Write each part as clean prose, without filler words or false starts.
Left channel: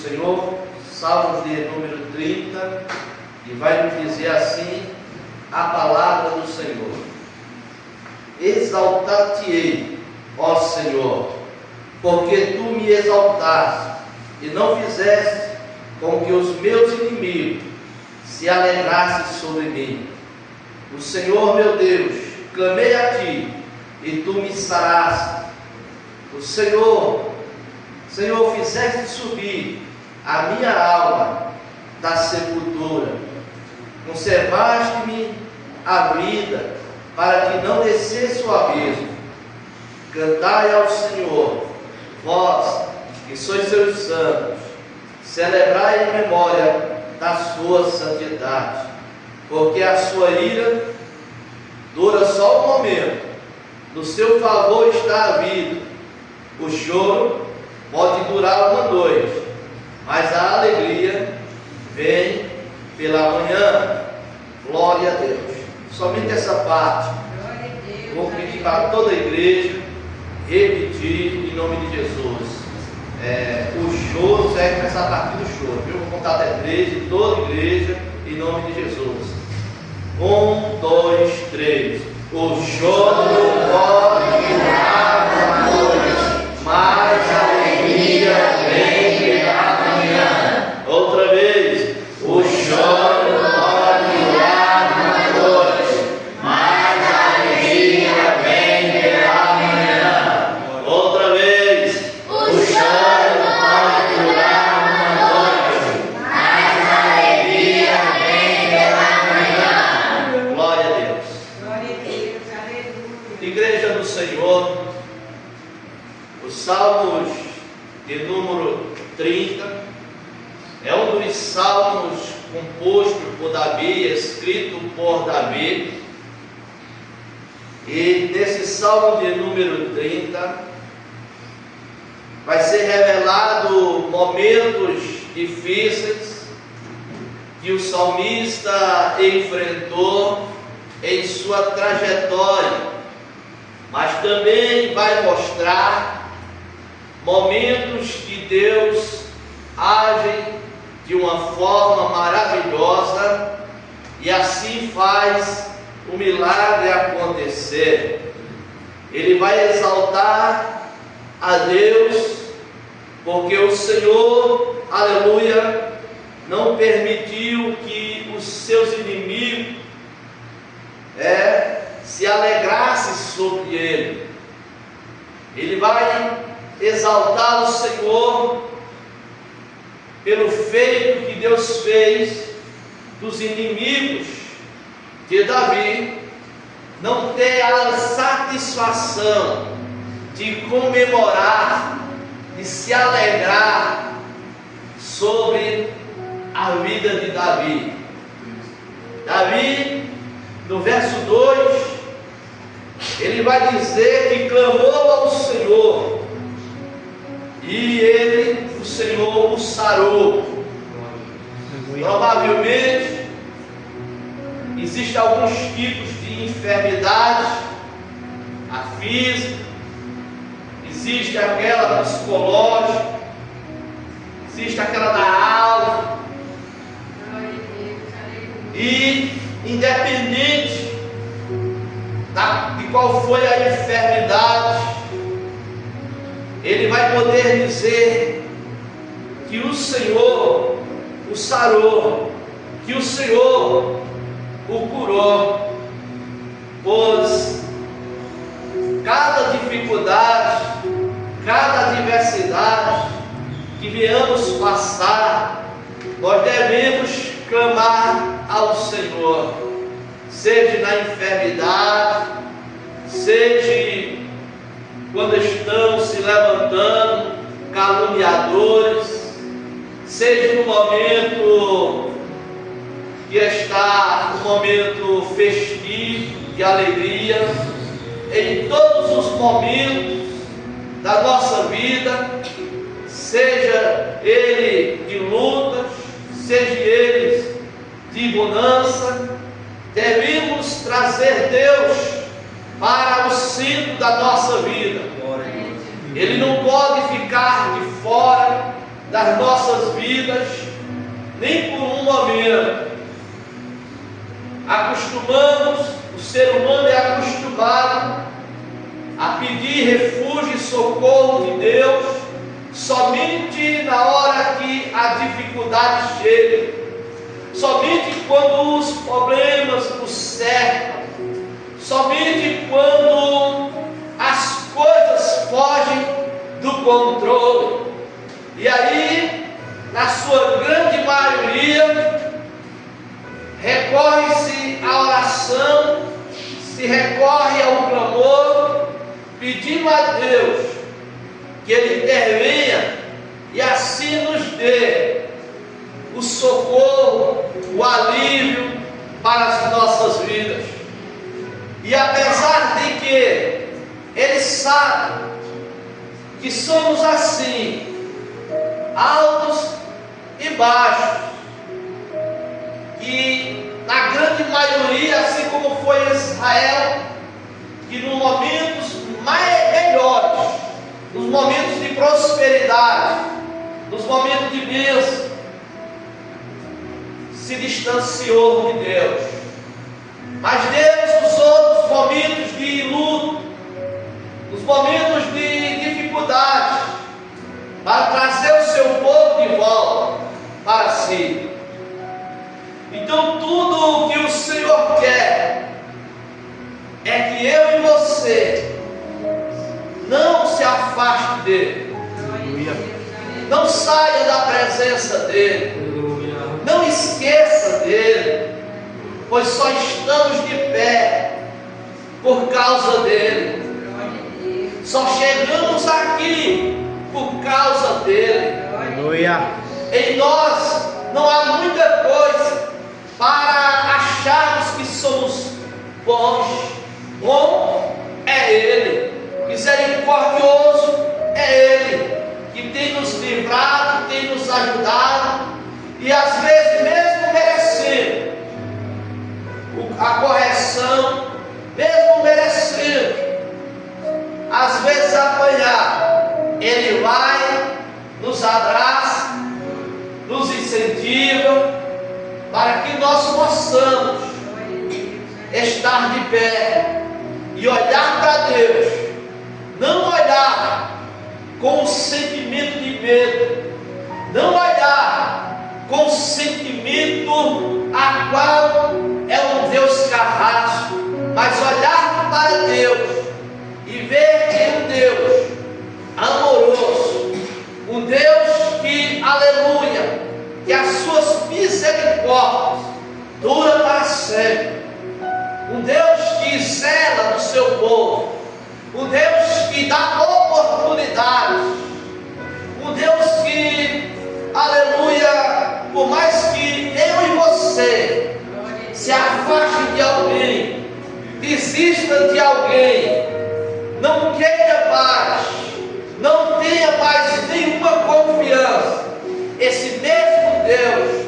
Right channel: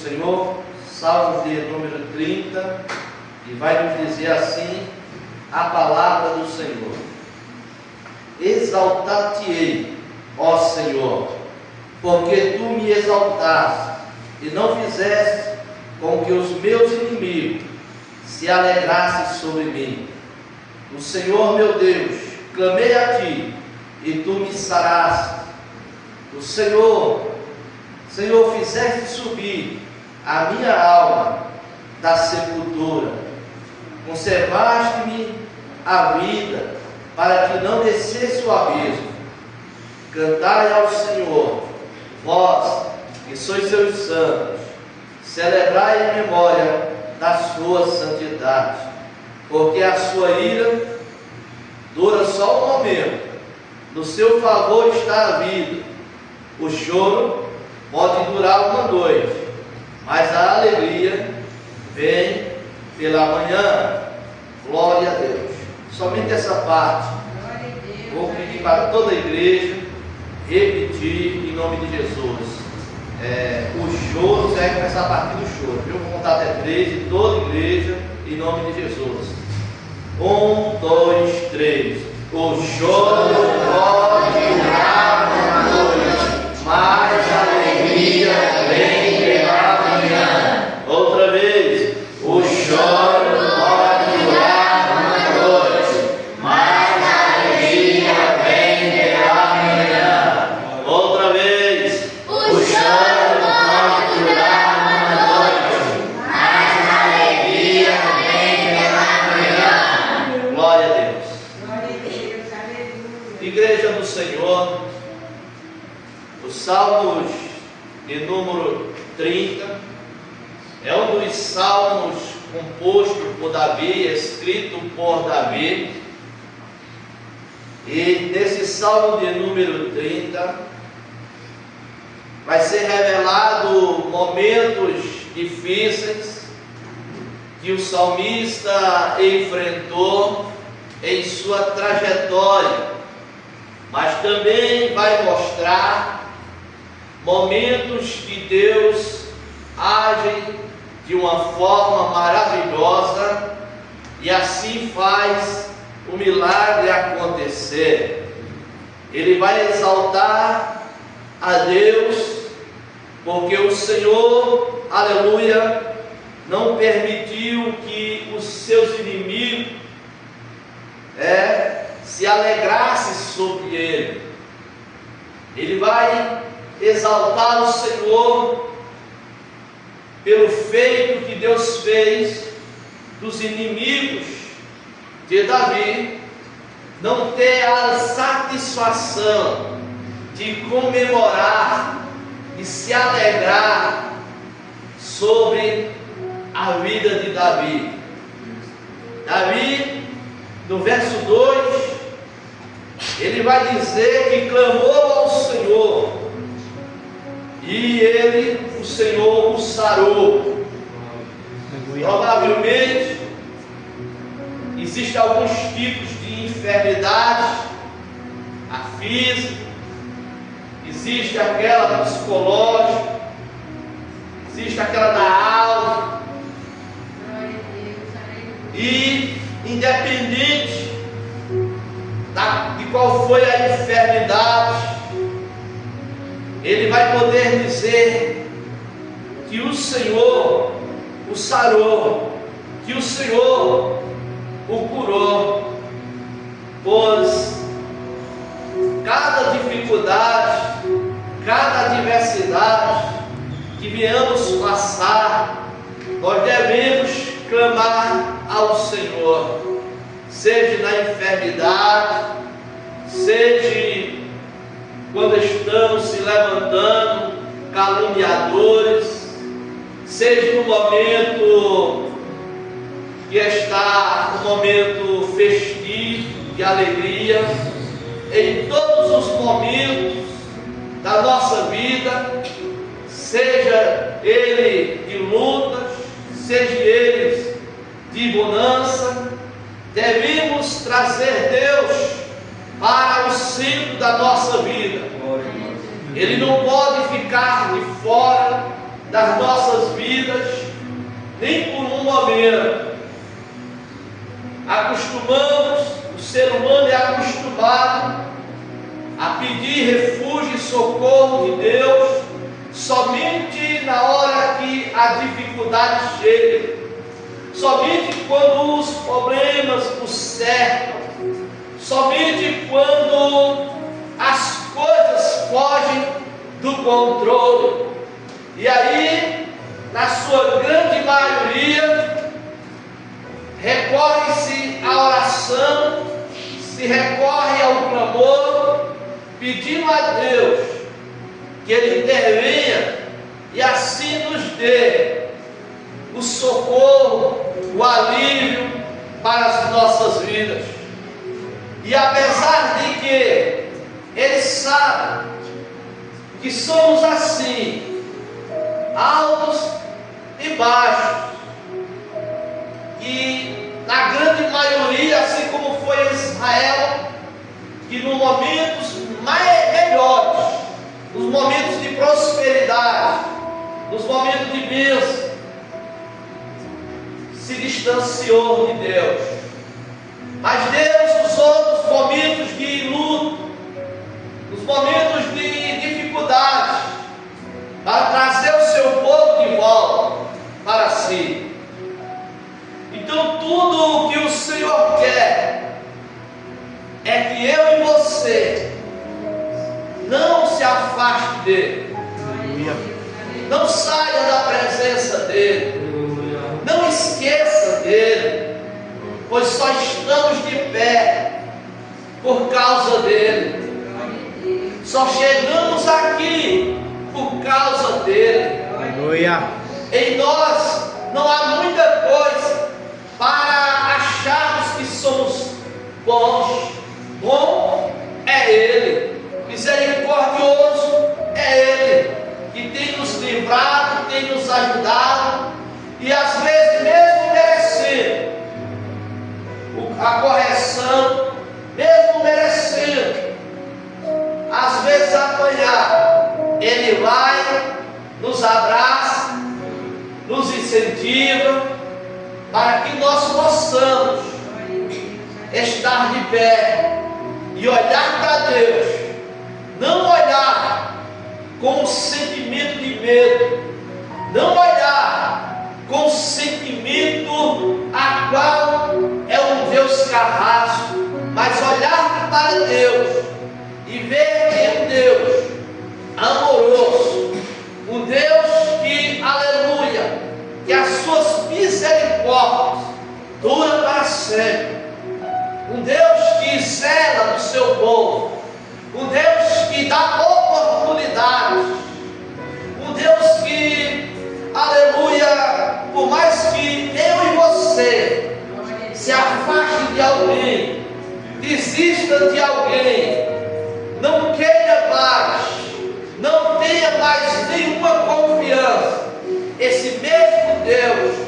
Senhor, Salmos de número 30, e vai nos dizer assim a palavra do Senhor: Exaltar-te-ei, ó Senhor, porque tu me exaltaste e não fizeste com que os meus inimigos se alegrassem sobre mim. O Senhor meu Deus, clamei a ti e tu me saraste. O Senhor, fizeste subir a minha alma da sepultura, conservaste-me a vida para que não descesse o abismo. Cantai ao Senhor, vós que sois seus santos, celebrai em memória da sua santidade, porque a sua ira dura só um momento, no seu favor está a vida. O choro pode durar uma noite, mas a alegria vem pela manhã. Glória a Deus. Somente essa parte vou pedir para toda a igreja repetir em nome de Jesus. O choro, você vai começar a partir do choro, viu? Vou contar até 3 de toda a igreja em nome de Jesus. 1, 2, 3. O choro pode durar uma noite, mas a alegria vem pela manhã. Outra vez. O choro pode durar uma noite, mas a alegria vem pela manhã. Outra vez. O choro pode durar uma noite, mas a alegria vem pela manhã. Glória a Deus. Igreja do Senhor, os Salmos de número 30 é um dos salmos composto por Davi, escrito por Davi. E nesse salmo de número 30 vai ser revelado momentos difíceis que o salmista enfrentou em sua trajetória, mas também vai mostrar momentos que Deus age de uma forma maravilhosa e assim faz o milagre acontecer. Ele vai exaltar a Deus, porque o Senhor, aleluia, não permitiu que os seus inimigos se alegrassem sobre ele. Ele vai exaltar o Senhor pelo feito que Deus fez dos inimigos de Davi não ter a satisfação de comemorar e se alegrar sobre a vida de Davi. Davi, no verso 2, ele vai dizer que clamou ao Senhor e o Senhor o sarou. Provavelmente existem alguns tipos de enfermidades, a física, existe aquela psicológica, existe aquela da alma, e independente de qual foi a enfermidade, ele vai poder dizer que o Senhor o sarou, que o Senhor o curou, pois cada dificuldade, cada adversidade que venhamos passar, nós devemos clamar ao Senhor, seja na enfermidade, seja quando estamos se levantando caluniadores, seja no momento que está um momento festivo, de alegria, em todos os momentos da nossa vida, seja ele de lutas, seja eles de bonança, devemos trazer Deus para o centro da nossa vida. Ele não pode ficar de fora, das nossas vidas, nem por um momento. O ser humano é acostumado a pedir refúgio e socorro de Deus somente na hora que a dificuldade chega, somente quando os problemas nos cercam, somente quando as coisas fogem do controle. E aí, na sua grande maioria, recorre-se à oração, se recorre ao clamor, pedindo a Deus que Ele intervenha e assim nos dê o socorro, o alívio para as nossas vidas. E apesar de que Ele sabe que somos assim, altos e baixos, e na grande maioria, assim como foi Israel, que nos momentos melhores, nos momentos de prosperidade, nos momentos de bênção, se distanciou de Deus. Mas Deus usou nos momentos de luto, nos momentos de dificuldade, para trazer o seu povo de volta para si. Então tudo o que o Senhor quer é que eu e você não se afaste dele, não saia da presença dele, não esqueça dele, pois só estamos de pé por causa dele, só chegamos aqui por causa dele. Em nós não há muita coisa para acharmos que somos bons. Bom é Ele, misericordioso é Ele, que tem nos livrado, tem nos ajudado, e às vezes mesmo merecendo a correção, mesmo merecendo às vezes apanhar, Ele vai, nos abraça, nos incentiva, para que nós possamos estar de pé e olhar para Deus, não olhar com um sentimento de medo, não olhar com um sentimento a qual é um Deus carrasco, mas olhar para Deus e ver que é um Deus amoroso, um Deus que, aleluia, que as suas misericórdias duram para sempre, um Deus que zela do seu povo, um Deus que dá oportunidades, um Deus que, aleluia, por mais que eu e você se afaste de alguém, desista de alguém, não queira mais, não tenha mais nenhuma confiança, esse mesmo Deus,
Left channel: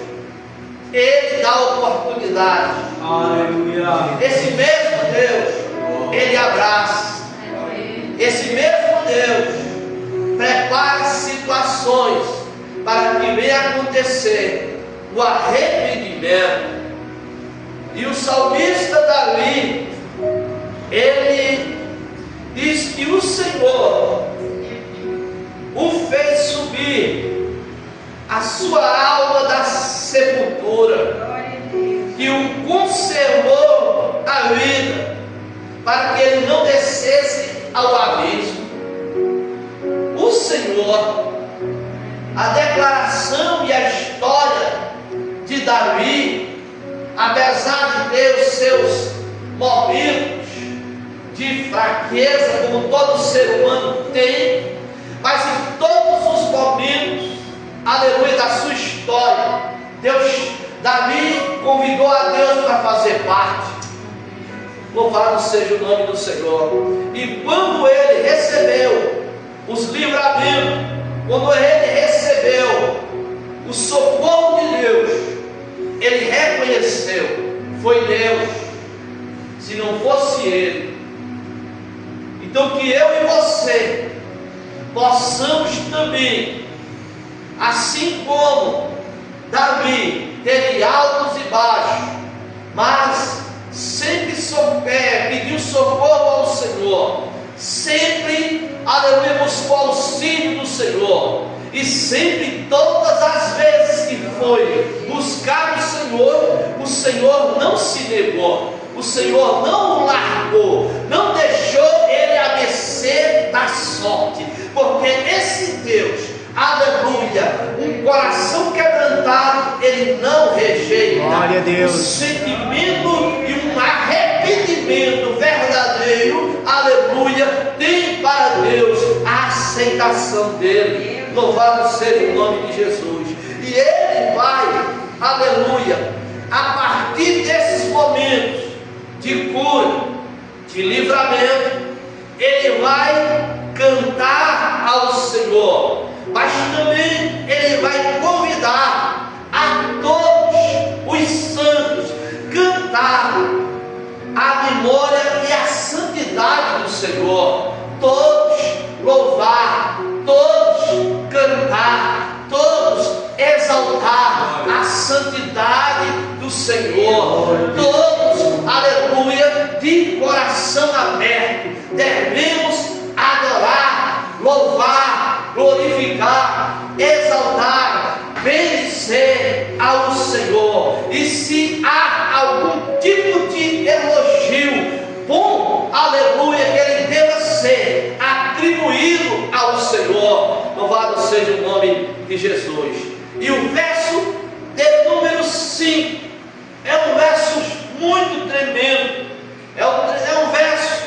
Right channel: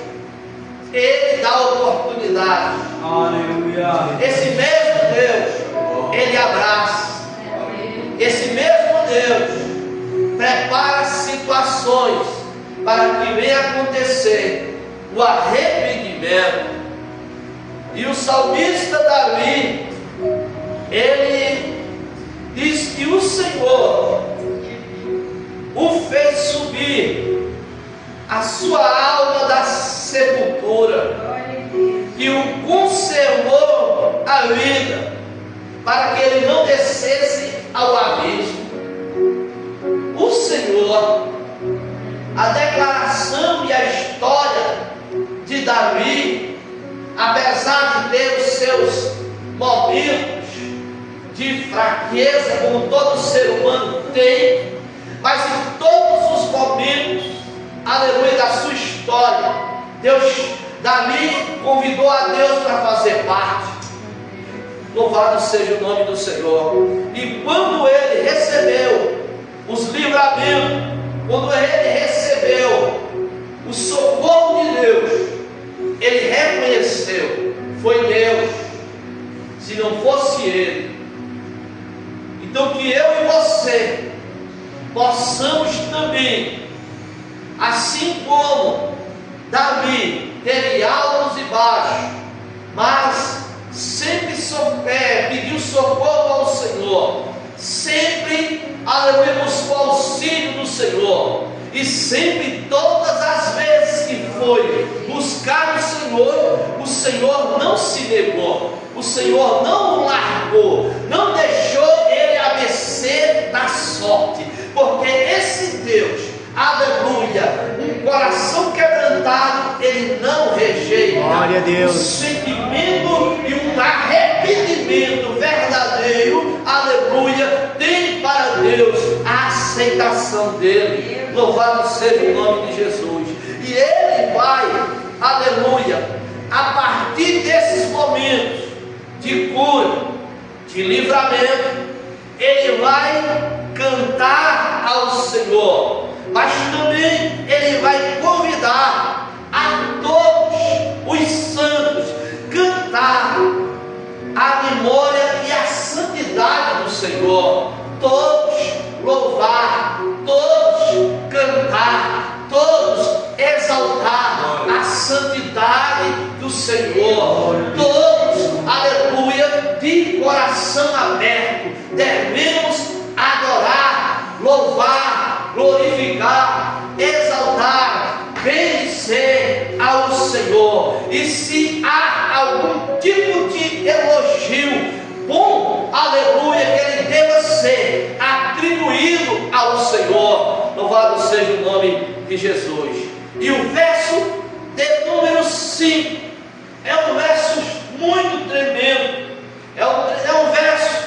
Ele dá oportunidade. Aleluia. Esse mesmo Deus, Ele abraça. Esse mesmo Deus prepara situações para que venha acontecer o arrependimento. E o salmista Davi, ele diz que o Senhor o fez subir a sua alma da sepultura, que o conservou a vida, para que ele não descesse ao abismo. O Senhor, a declaração e a história de Davi, apesar de ter os seus momentos de fraqueza, como todo ser humano tem, mas em todos os momentos, aleluia, da sua história, Davi convidou a Deus para fazer parte. Louvado seja o nome do Senhor. E quando ele recebeu os livramentos, quando ele recebeu o socorro de Deus, ele reconheceu, foi Deus, se não fosse Ele. Então que eu e você possamos também, assim como Davi teve altos e baixos, mas sempre pediu socorro ao Senhor, sempre, aleluia, buscou auxílio do Senhor, e sempre, todas as vezes que foi buscar o Senhor não se negou, o Senhor não o largou, não deixou ele à mercê da sorte, porque esse Deus, aleluia, um coração quebrantado, ele não rejeita. Glória a Deus. Um sentimento e um arrependimento verdadeiro, aleluia, tem para Deus a aceitação dele. Louvado seja o nome de Jesus. E ele vai, aleluia, a partir desses momentos de cura, de livramento, ele vai cantar ao Senhor, mas também ele vai convidar a todos os santos cantar a memória e a santidade do Senhor, todos louvar, todos cantar, todos exaltar a santidade do Senhor, todos, aleluia, de coração aberto, devemos adorar, louvar, glorificar, exaltar, bendizer ao Senhor. E se há algum tipo de elogio bom, aleluia, que ele deva ser atribuído ao Senhor, louvado seja o nome de Jesus. E o verso de número 5 é um verso muito tremendo, é um verso,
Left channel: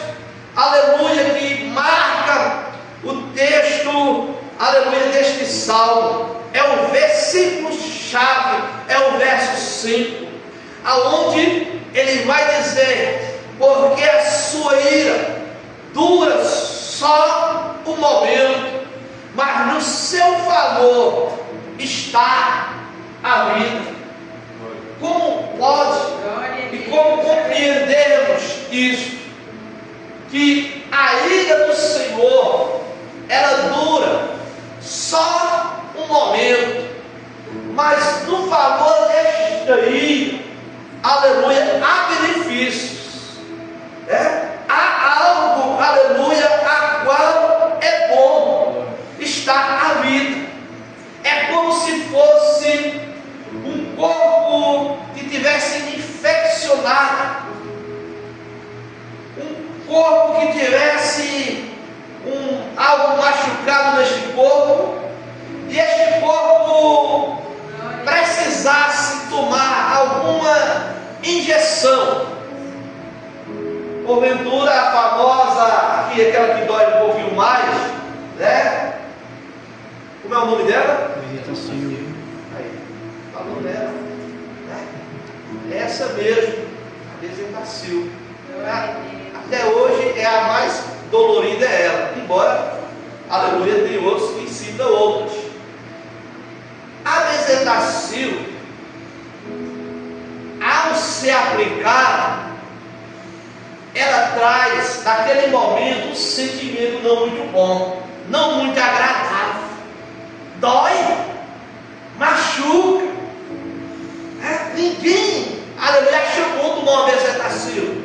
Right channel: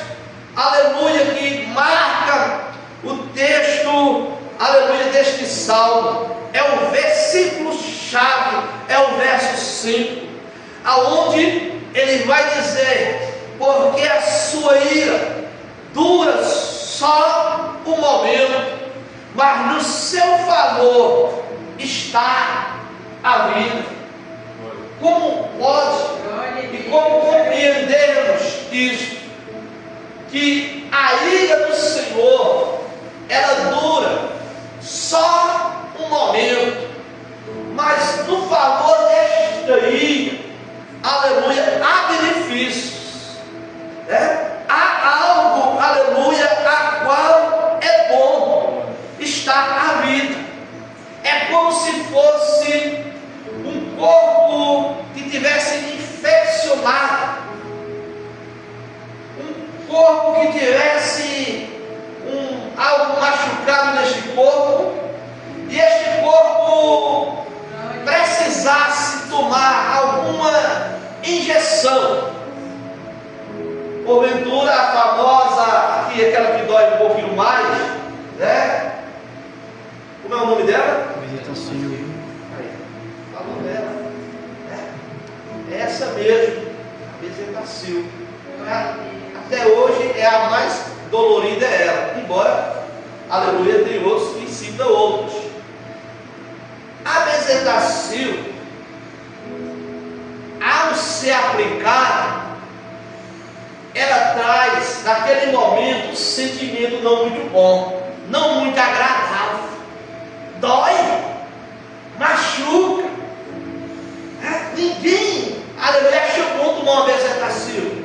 aleluia, que marca o texto, aleluia, deste salmo. É o versículo chave, é o verso 5, aonde ele vai dizer: porque a sua ira dura só um momento, mas no seu favor está a vida. Como pode e como compreendermos isso? Que a ira do Senhor, ela dura só um momento, mas no favor desta ira, aleluia, há benefícios, há algo, aleluia, a qual é bom, está a vida. É como se fosse um corpo que tivesse infeccionado, um corpo que tivesse algo machucado neste corpo, e este corpo precisasse tomar alguma injeção, porventura a famosa, aquela que dói um pouquinho mais, né? Como é o nome dela? Bezetacil. Aí, falou dela, né? É essa mesmo, a Bezetacil. Até hoje é a mais dolorida, é ela, embora, aleluia, tem outros que citam outros. A Bezetacil, ao ser aplicada, ela traz naquele momento um sentimento não muito bom, não muito agradável, dói, machuca, ninguém, aleluia, acha bom tomar uma Bezetacil,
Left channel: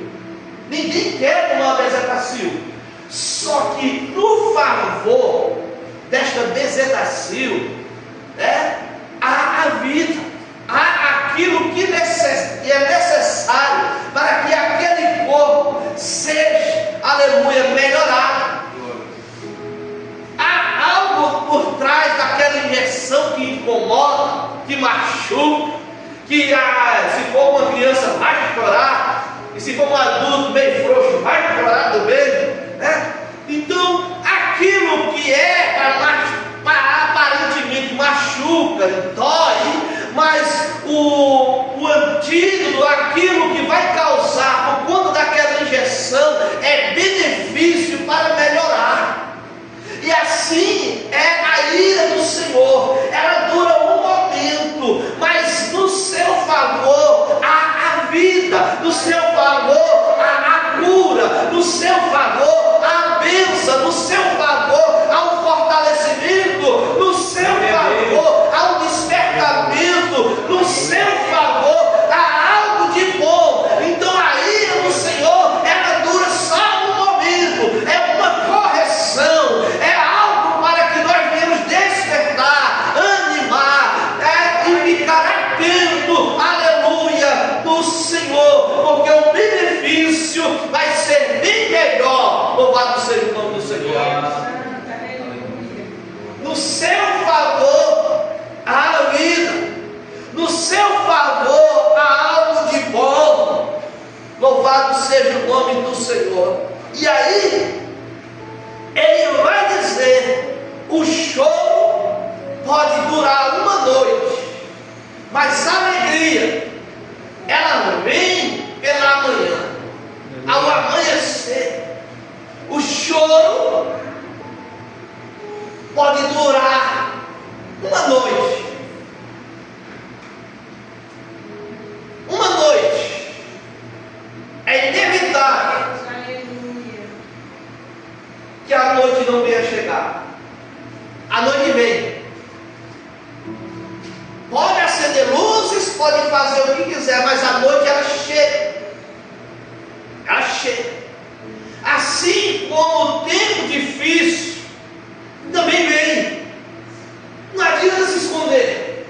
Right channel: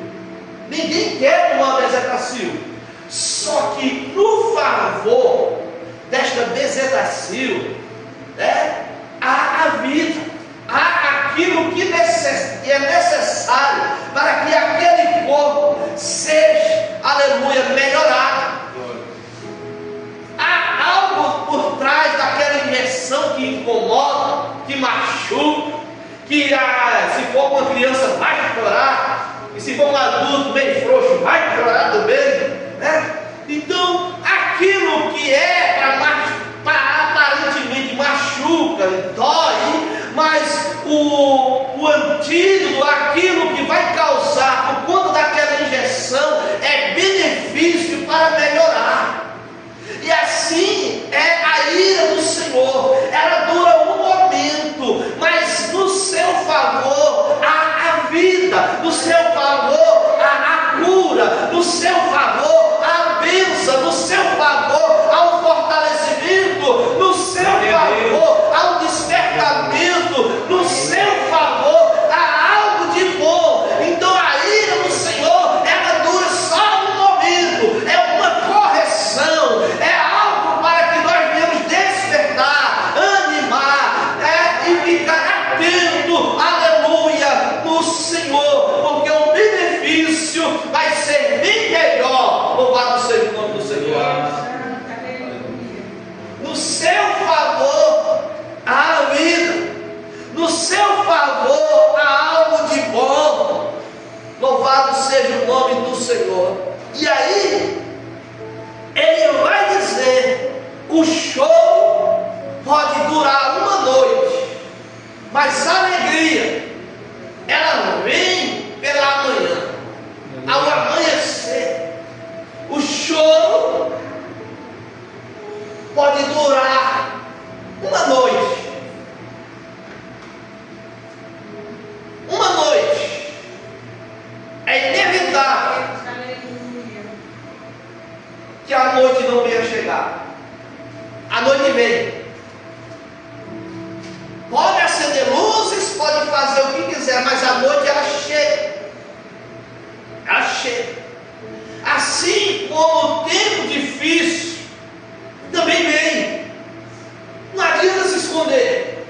ninguém quer tomar uma Bezetacil. Só que no favor desta Bezetacil, há a vida, há aquilo que é necessário para que aquele corpo seja, aleluia, melhorado. Há algo por trás daquela injeção que incomoda, que machuca, que se for uma criança vai chorar, e se for um adulto bem frouxo vai chorar também, Então aquilo que aparentemente machuca, dói, mas o antídoto, aquilo que vai causar por conta daquela injeção, é benefício para melhorar. E assim é a ira do Senhor, ela dura um momento, mas no seu favor há a vida, no seu favor há a cura, no seu favor há a bênção, no seu favor há um fortalecimento, no seu favor Louvado seja o nome do Senhor. E aí, ele vai dizer: o choro pode durar uma noite, mas a alegria, ela vem pela manhã. Ao amanhecer, o choro pode durar uma noite. Uma noite. É inevitável que a noite não venha chegar. A noite vem. Pode acender luzes, pode fazer o que quiser, mas a noite ela chega. Ela chega. Assim como o tempo difícil também vem. Não adianta se esconder.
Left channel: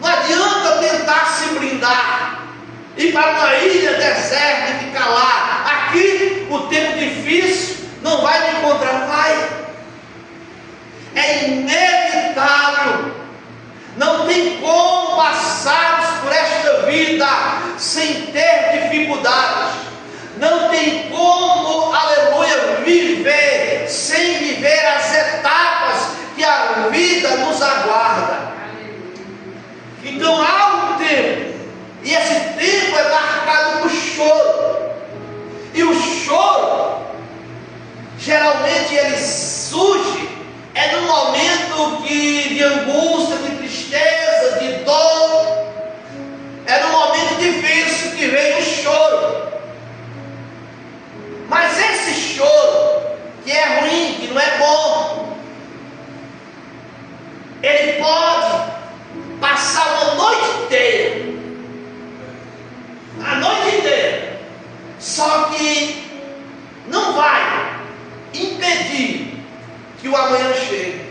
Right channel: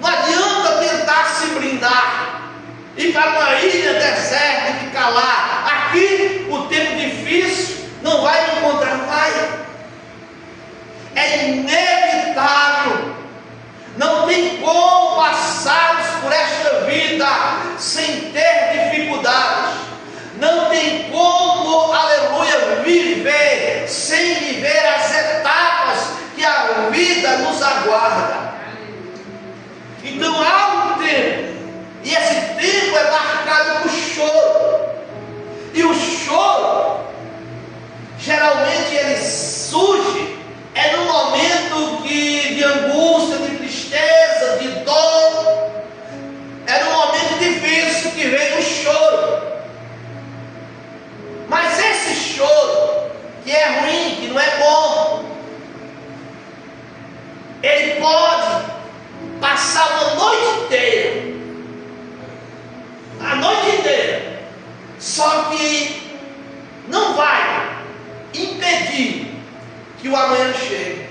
Não adianta tentar se blindar, ir para uma ilha deserta e ficar lá. Aqui o tempo difícil não vai me encontrar. Vai. É inevitável. Não tem como passarmos por esta vida sem ter dificuldades. Não tem como, aleluia, viver sem viver as etapas que a vida nos aguarda. Então há um tempo, e esse tempo é marcado por choro. E o choro, geralmente ele surge no momento de angústia, de tristeza, de dor. É no momento difícil que vem o choro. Mas esse choro, que é ruim, que não é bom, ele pode passar uma noite inteira. A noite inteira. Só que não vai impedir que o amanhã chegue.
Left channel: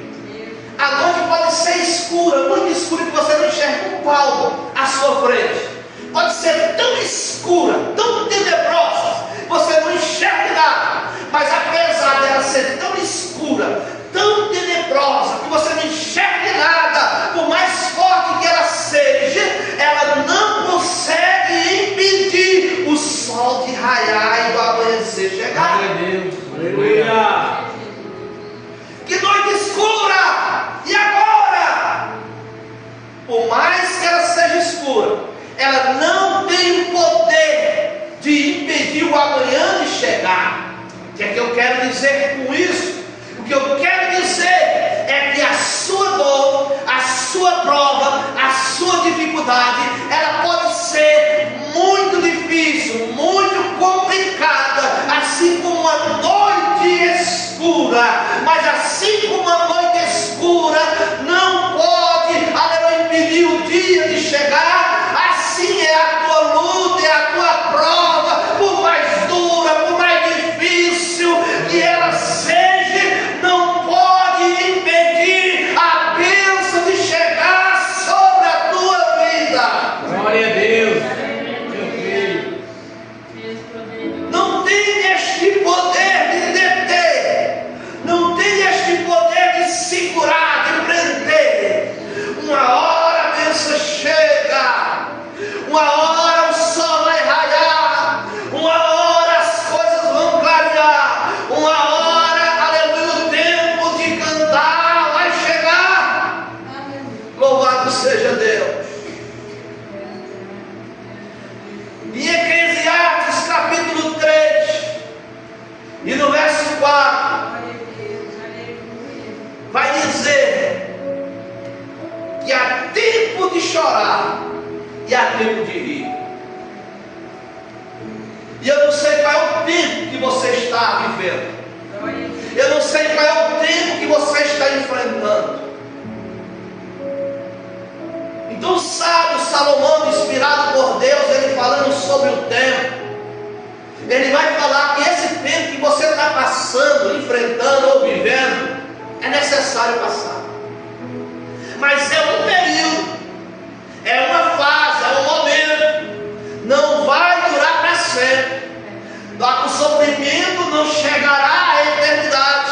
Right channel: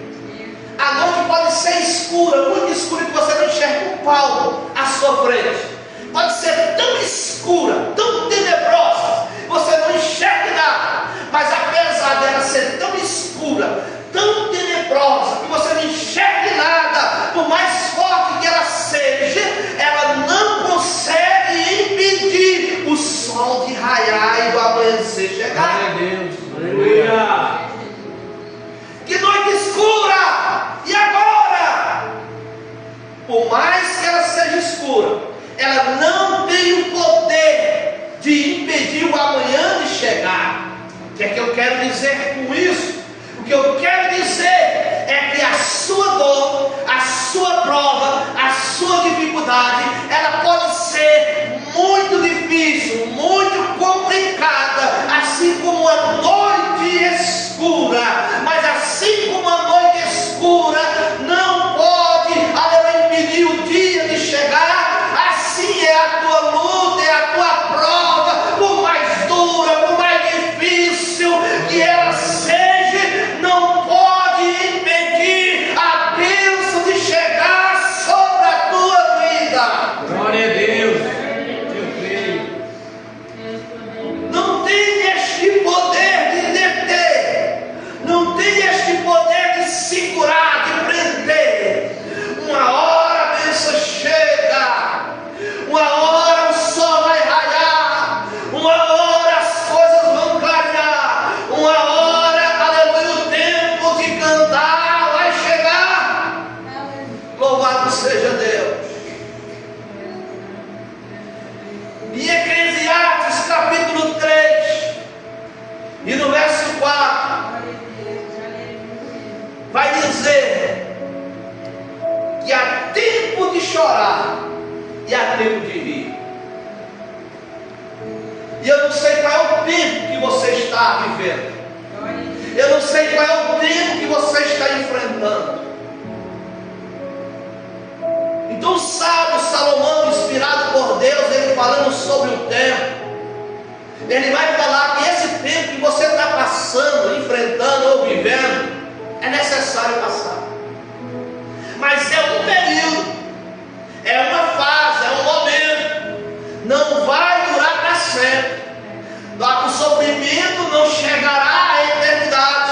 A noite pode ser escura, muito escura, que você não enxerga um palmo à sua frente. Pode ser tão escura, tão tenebrosa, você não enxerga nada. Mas apesar dela ser tão escura, tão tenebrosa, que você não enxergue nada, por mais forte que ela seja, ela não consegue impedir o sol de raiar e do amanhecer chegar. Aleluia! Que noite escura! E agora? Por mais que ela seja escura, ela não tem o poder de impedir o amanhã de chegar. O que é que eu quero dizer com isso? O que eu quero dizer é que a sua dor, a sua prova, a sua dificuldade, ela pode ser muito difícil, muito complicada, assim como uma noite escura. Mas assim como uma noite escura não pode, aleluia, impedir o dia de chegar, assim é a tua luta, é a tua prova, por mais dura, por mais difícil que ela seja, não pode impedir a bênção de chegar sobre a tua vida. Glória a Deus. Não tem este poder de deter, não tem este poder de segurar, de prender. Uma hora a bênção chega, uma hora o sol vai raiar, uma hora as coisas vão clarear, uma hora, aleluia, o tempo de cantar vai chegar. Louvado seja Deus. Em Eclesiastes capítulo 3 e no verso 4 vai dizer que há tempo de chorar e há tempo de rir. E eu não sei qual é o tempo que você está vivendo. Eu não sei qual é o tempo que você está enfrentando. Então o sábio Salomão, inspirado por Deus, ele falando sobre o tempo, ele vai falar que esse tempo que você está passando, enfrentando ou vivendo, é necessário passar. Mas é um período, é uma fase, é um momento, não vai durar para sempre. O sofrimento não chegará à eternidade,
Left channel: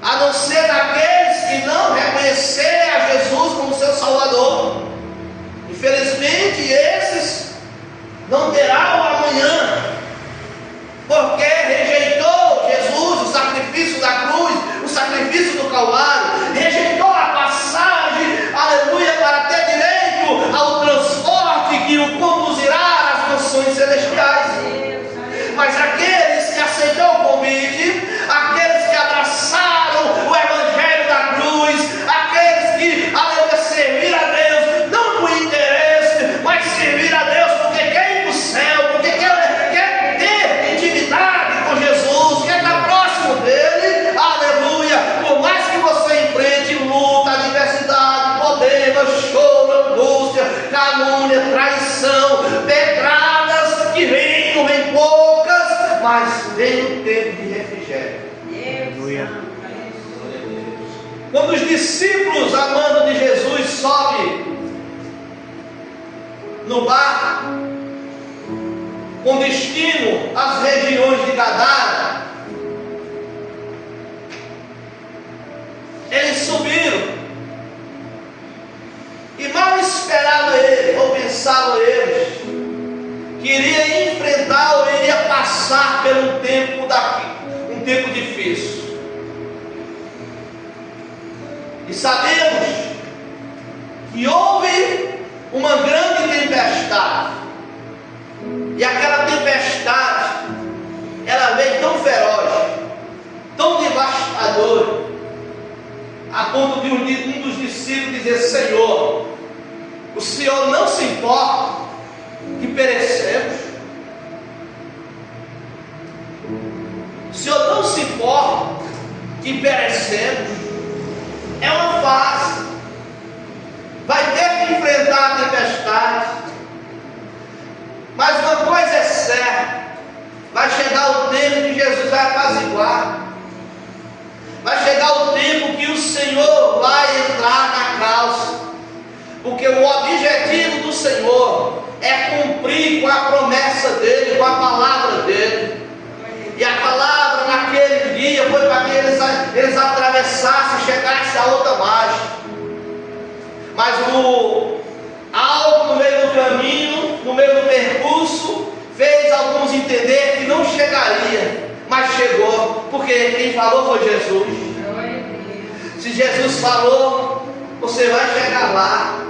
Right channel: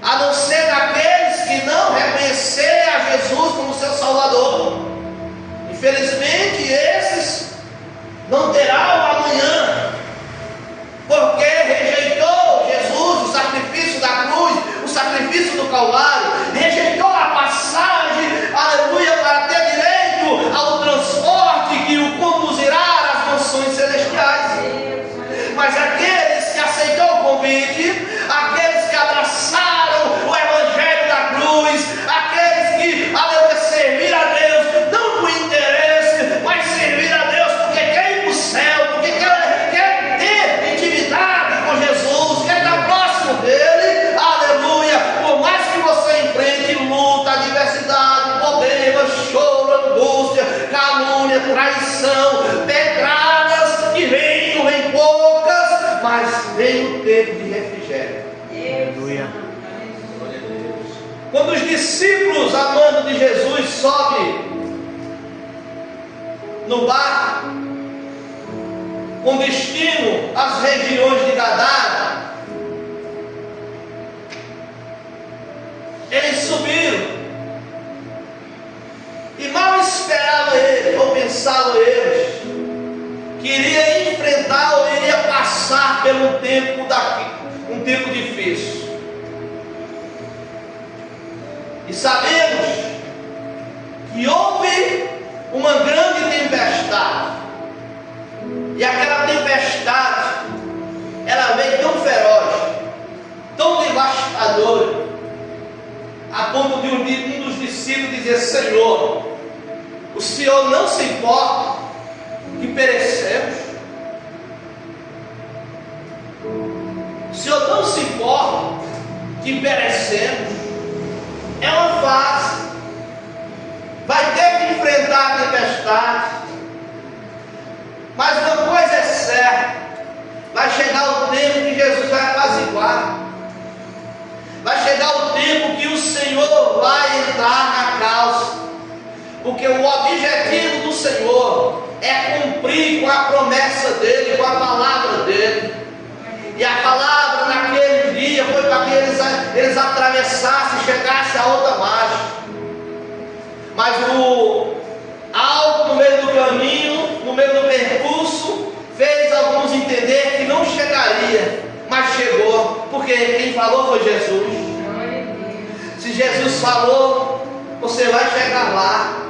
a não ser daqueles que não reconhecerem a Jesus como seu Salvador. Infelizmente, esses não terão o amanhã. traição, pedradas que vêm poucas, mas vem o tempo de refrigério. Aleluia. Quando os discípulos, amando de Jesus, sobem no barco com destino às regiões de Gadara, eles subiram e mal esperavam eles, ou pensavam eles, que iria enfrentar ou iria passar por um tempo difícil. E sabemos que houve uma grande tempestade, e aquela tempestade, ela veio tão feroz, tão devastadora, a ponto de um dos discípulos dizer: Senhor, o Senhor não se importa que perecemos? O Senhor não se importa que perecemos? É uma fase, vai ter que enfrentar a tempestade, mas uma coisa é certa: vai chegar o tempo que Jesus vai apaziguar, vai chegar o tempo que o Senhor vai entrar na causa, porque o objetivo do Senhor é cumprir com a promessa dele, com a palavra dele. E a palavra naquele dia foi para que eles atravessassem e chegassem a outra margem. Mas algo no meio do caminho, no meio do percurso, fez alguns entender que não chegaria, mas chegou, porque quem falou foi Jesus. Se Jesus falou, você vai chegar lá.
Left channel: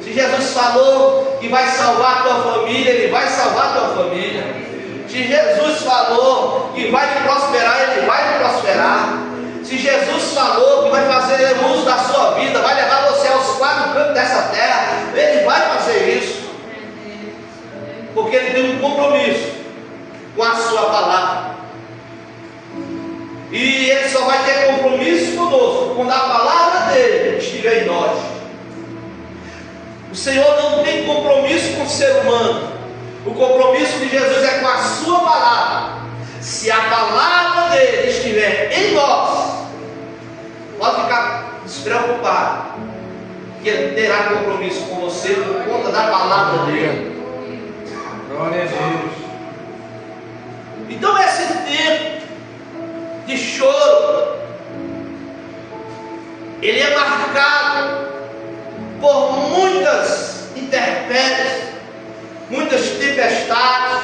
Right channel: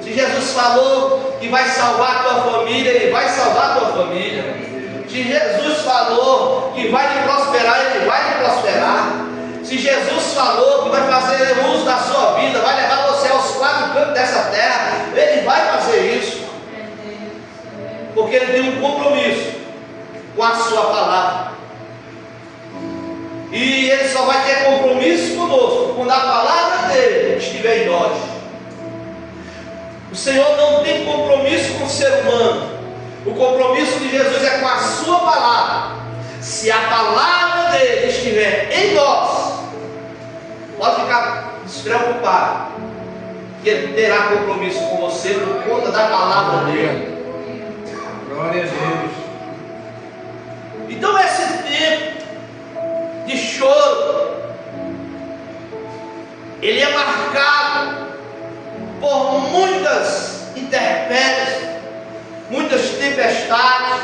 Se Jesus falou que vai salvar a tua família, Ele vai salvar a tua família. Se Jesus falou que vai te prosperar, Ele vai te prosperar. Se Jesus falou que vai fazer uso da sua vida, vai levar você aos 4 cantos dessa terra, Ele vai fazer isso, porque Ele tem um compromisso com a sua palavra. E Ele só vai ter compromisso conosco quando a palavra dele estiver em nós. O Senhor não tem compromisso com o ser humano. O compromisso de Jesus é com a sua palavra. Se a palavra dele estiver em nós, pode ficar despreocupado, que Ele terá compromisso com você por conta da palavra dele. Glória a Deus. Então esse tempo de choro, ele é marcado por muitas intempéries, muitas tempestades,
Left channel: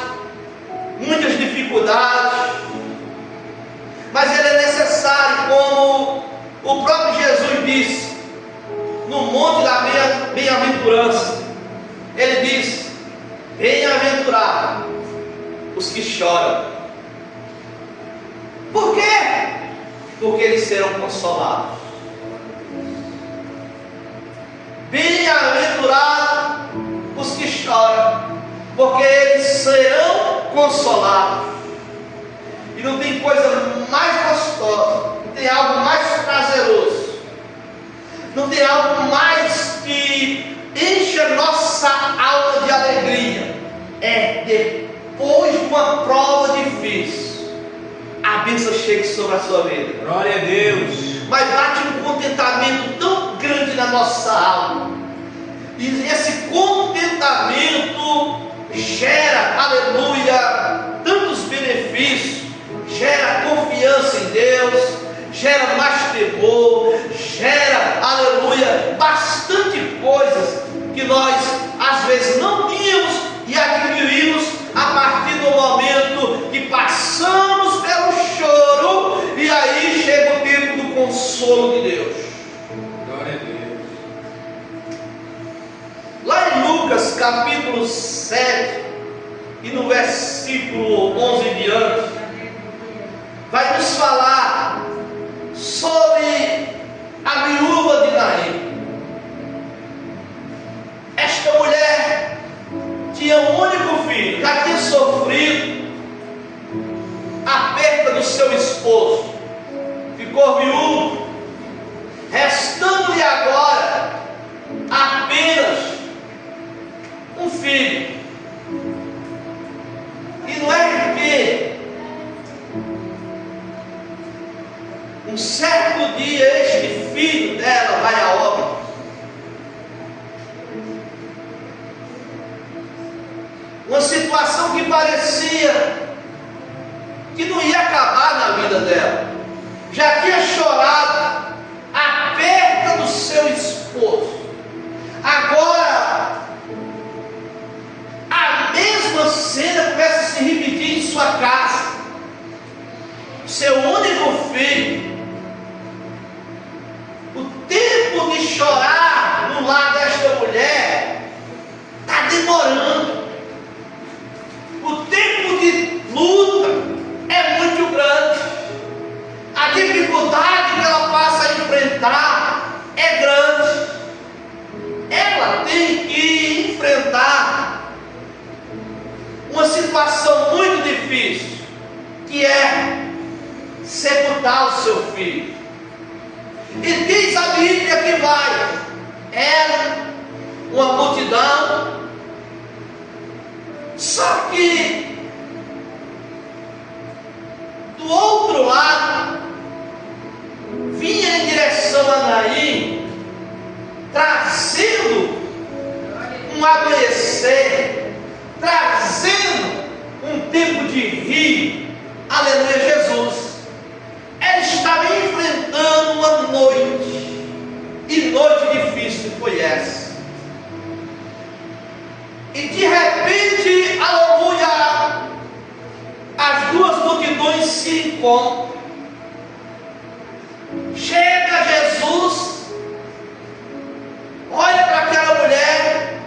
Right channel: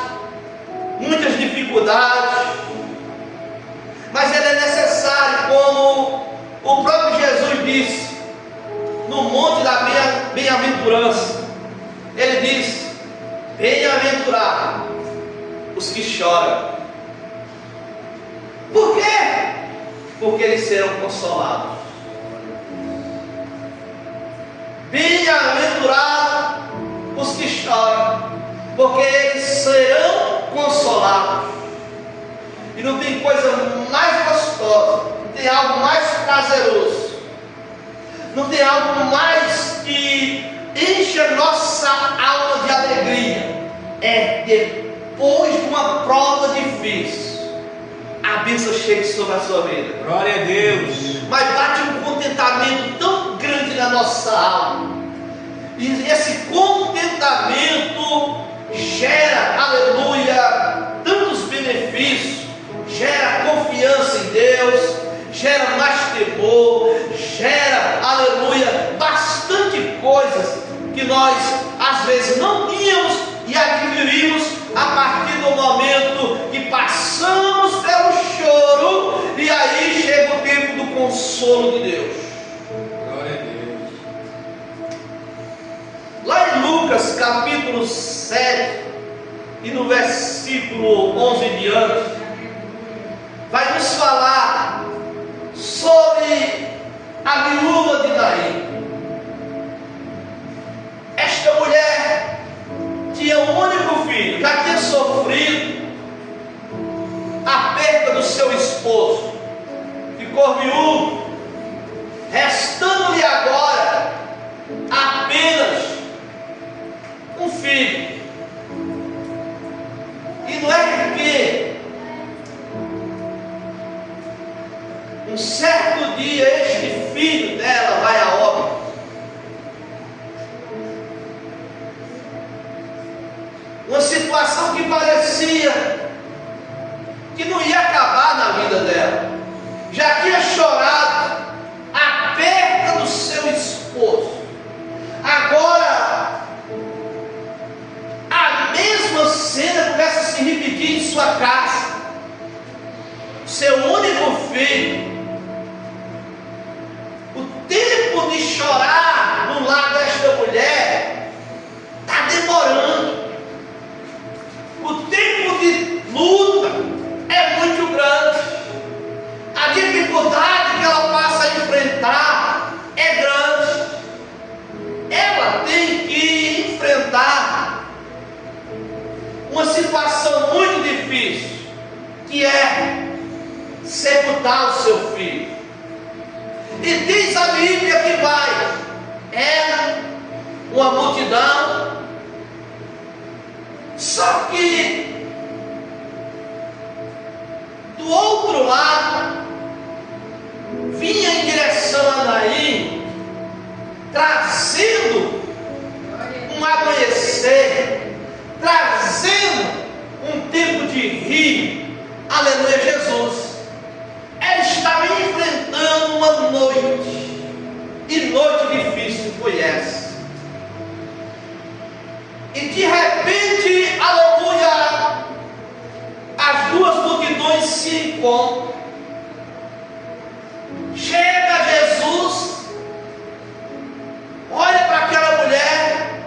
muitas dificuldades, mas ele é necessário, como o próprio Jesus disse no monte da bem-aventurança. Ele disse: bem-aventurados os que choram. Por quê? Porque eles serão consolados. Bem-aventurados os que choram, porque eles serão consolados. E não tem coisa mais gostosa, não tem algo mais prazeroso, não tem algo mais que enche a nossa alma de alegria, é depois de uma prova difícil, a bênção chega sobre a sua vida. Glória a Deus. Mas bate um contentamento tão grande na nossa alma, e esse contentamento gera, aleluia, tantos benefícios, gera confiança em Deus, gera mais temor, gera, aleluia, bastante coisas que nós às vezes não tínhamos e adquirimos a partir do momento que passamos pelo choro, e aí chega o tempo do consolo de Deus. Glória a Deus. Lá em Lucas capítulo 7 e no versículo 11 em diante, vai nos falar sobre a viúva de Naim. Esta mulher tinha um único filho, já tinha sofrido a perda do seu esposo, ficou viúva, restando-lhe agora apenas um filho. situação que parecia que não ia acabar na vida dela. Já tinha chorado a perda do seu esposo. Agora, a mesma cena começa a se repetir em sua casa. Seu único filho. O tempo de chorar no lar desta mulher está demorando. O tempo de luta é muito grande. A dificuldade que ela passa a enfrentar é grande. Ela tem que enfrentar uma situação muito difícil, que é sepultar o seu filho. E diz a Bíblia que vai ela, uma multidão. Só que do outro lado vinha em direção a Naim, trazendo um amanhecer, trazendo um tempo de rir. Aleluia, Jesus. Ela estava enfrentando uma noite, e noite difícil foi essa. E de repente, aleluia, as duas multidões se encontram. Chega Jesus, olha para aquela mulher,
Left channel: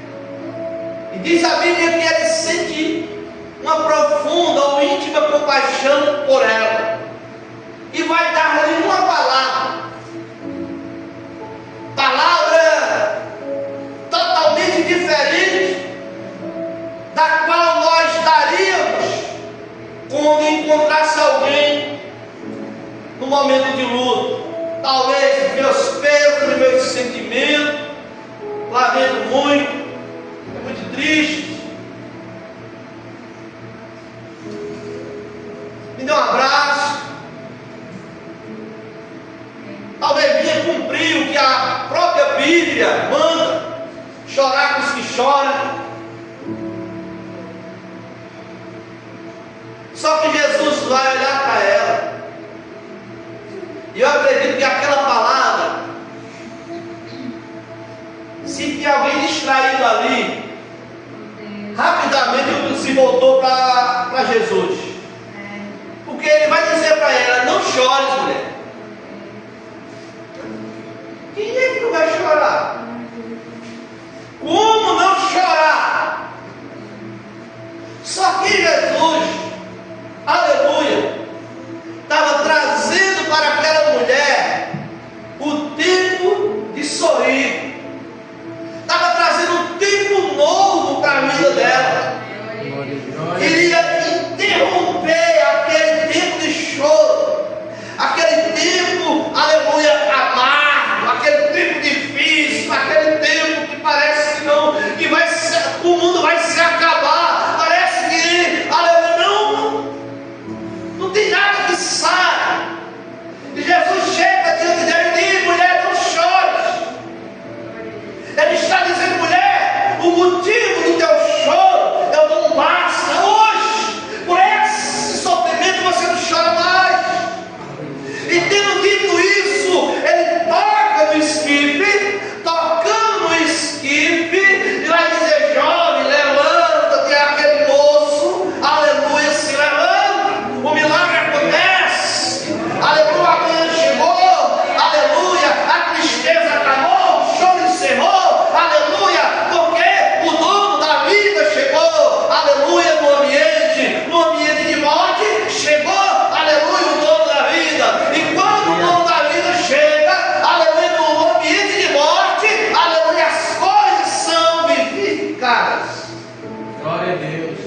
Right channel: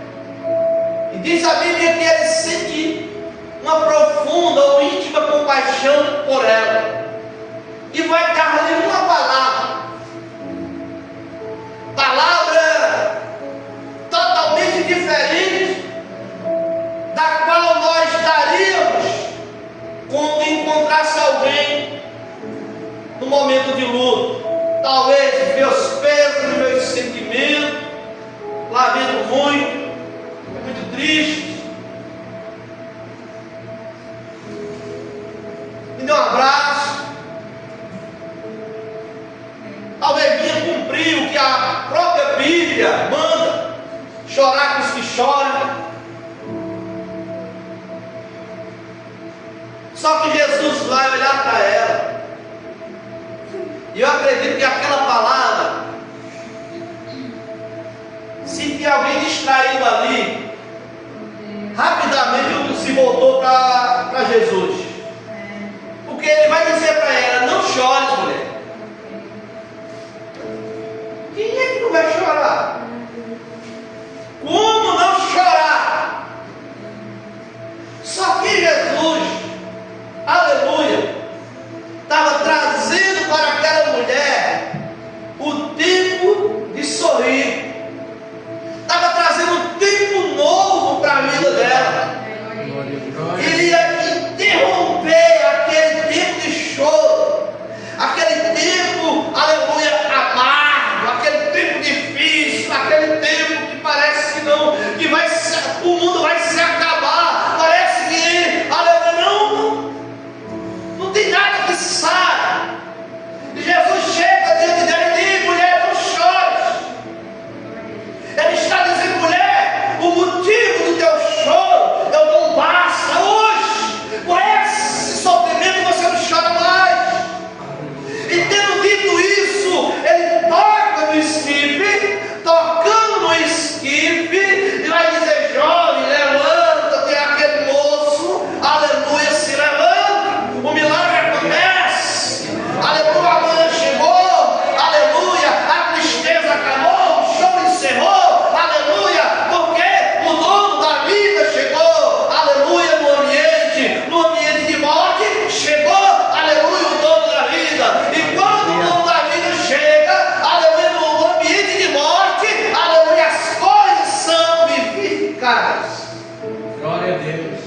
e diz a Bíblia que ele sente uma profunda ou íntima compaixão por ela. E vai dar-lhe uma palavra totalmente diferente da qual nós daríamos quando encontrasse alguém no momento de luto. Talvez meus pesos, meus sentimentos, lamento muito, é muito triste. Me dê um abraço. Talvez vinha cumprir o que a própria Bíblia manda, chorar com os que choram. Só que Jesus vai olhar para ela, e eu acredito que aquela palavra, se tinha alguém distraído ali, rapidamente se voltou para Jesus, porque ele vai dizer para ela: não chores, mulher. Quem é que não vai chorar? Como não chorar? Só que Jesus, aleluia, estava trazendo para aquela mulher o tempo de sorrir, estava trazendo um tempo novo para a vida dela. Iria interromper aquele tempo de choro, aquele tempo, aleluia, amargo, aquele tempo difícil, aquele tempo que parece que não, que vai ser, o mundo vai se acabar, parece que, aleluia, não tem nada que sai. E Jesus chega diante dela e diz: mulher, não chores. Ele está dizendo: mulher, o motivo do teu choro eu não basta hoje. Por esse sofrimento você não chora mais. E tendo dito isso, ele toca no esquife, tocando no esquife, e vai dizer: jovem, levanta-te. Aquele moço, aleluia, se levanta. O milagre acontece, aleluia, a manhã chegou, aleluia, a tristeza acabou, o choro encerrou, aleluia, porque o dono da vida chegou, aleluia, no ambiente de morte, chegou, aleluia, o dono da vida. E quando o dono da vida chega, aleluia, no ambiente de morte, aleluia, as coisas são vivificadas. Glória a Deus.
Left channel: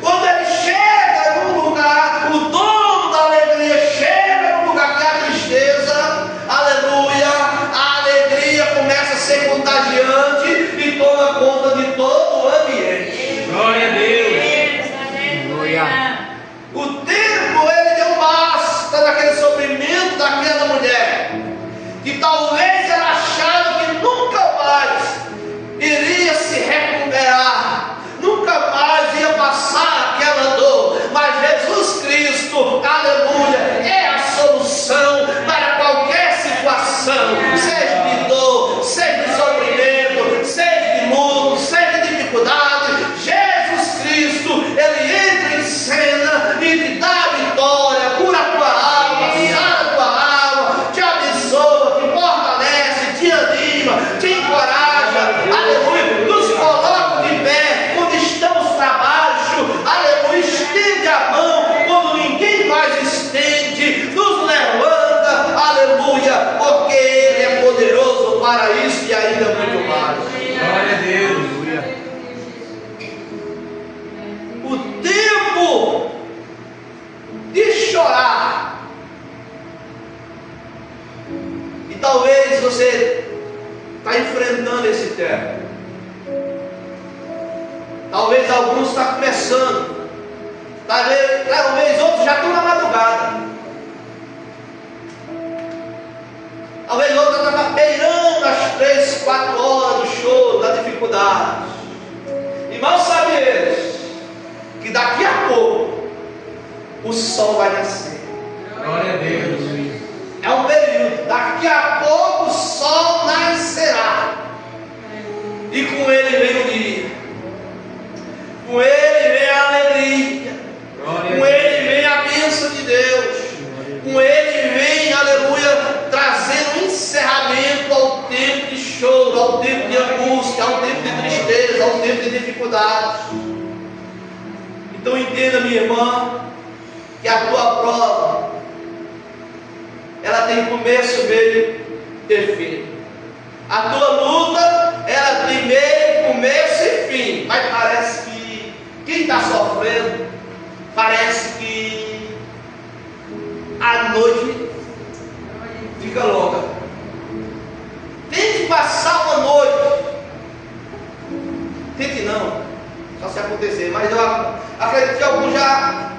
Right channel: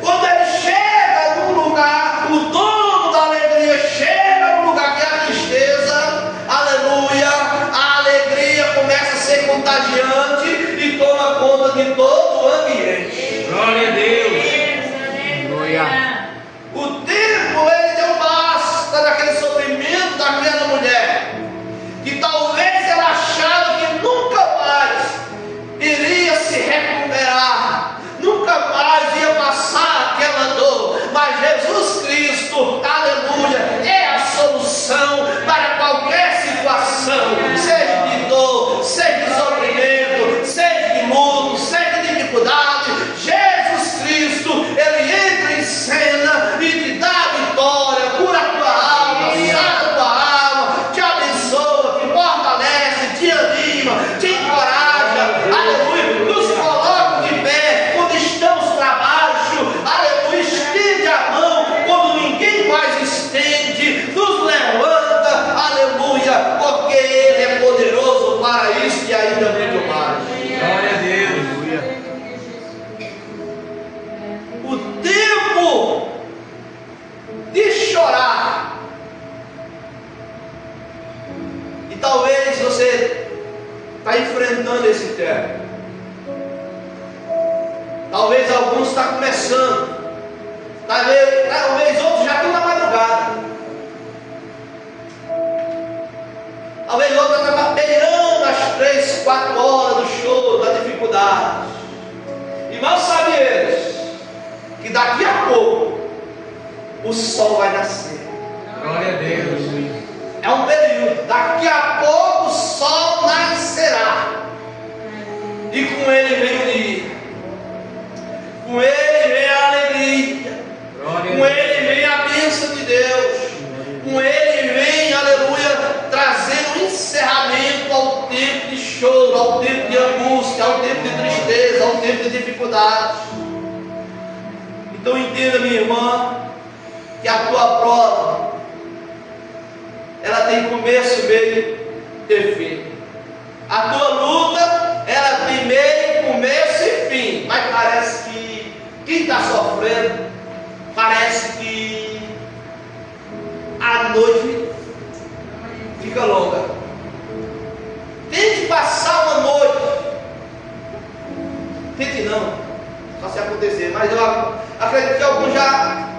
Quando ele chega num lugar, o dono da alegria chega num lugar que há tristeza, aleluia, a alegria começa a ser contagiante e toma conta de todo o ambiente. Glória a Deus. Glória. O tempo, ele deu basta daquele sofrimento daquela mulher, que talvez ela achava que nunca mais iria se recuperar, nunca mais Jesus Cristo, aleluia, é a solução para qualquer situação, seja de dor, seja de sofrimento, seja de luto, seja de dificuldade. Jesus Cristo, Ele entra em cena e te dá a vitória, cura a tua alma, sara a tua alma, te abençoa, te fortalece, te anima, te encoraja, aleluia, nos coloca de pé quando estamos para baixo, aleluia, estende a mão quando ninguém mais estende, nos levanta, aleluia, porque Ele é poderoso para isso e ainda muito mais. Glória a Deus. O tempo de chorar, e talvez você está enfrentando esse tempo, talvez alguns estão começando, talvez outros já estão na madrugada, talvez outros estão beirando as 3, 4 horas do choro, da dificuldade. E mal sabem eles que daqui a pouco o sol vai nascer. Glória a Deus. É um período, daqui a pouco o sol nascerá, e com ele vem o dia, com ele vem a alegria, com ele vem a bênção de Deus, com ele vem, aleluia, trazendo um encerramento ao tempo de choro, ao tempo de angústia, ao tempo de tristeza, ao tempo de dificuldades. Então entenda, minha irmã, que a tua prova, ela tem começo, meio e fim. A tua luta, ela tem meio, começo e fim. Mas parece que quem está sofrendo, parece que a noite fica longa. Tente passar uma noite, tente não, só se acontecer, mas eu acredito que alguns já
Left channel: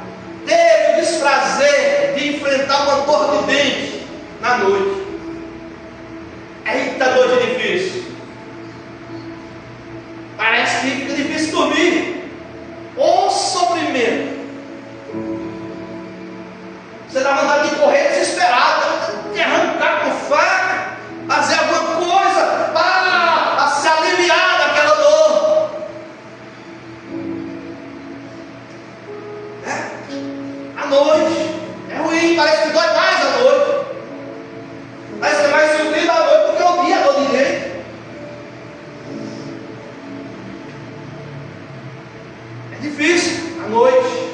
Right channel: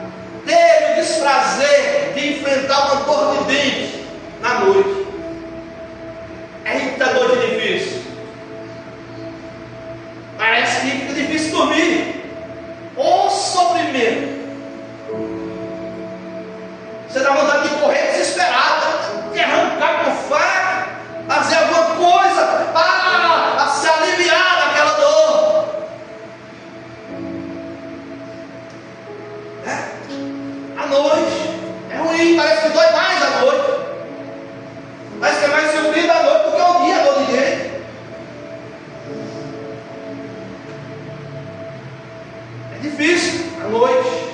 teve o desprazer de enfrentar uma dor de dente na noite. Eita, noite difícil. Parece que fica difícil dormir. Ô sofrimento. Você dá vontade de correr desesperado, de arrancar com faca, fazer alguma coisa para se aliviar daquela dor. A noite é ruim, parece que dói mais a noite. Parece que é mais sofrido a noite porque o dia é dor de jeito. É difícil a noite,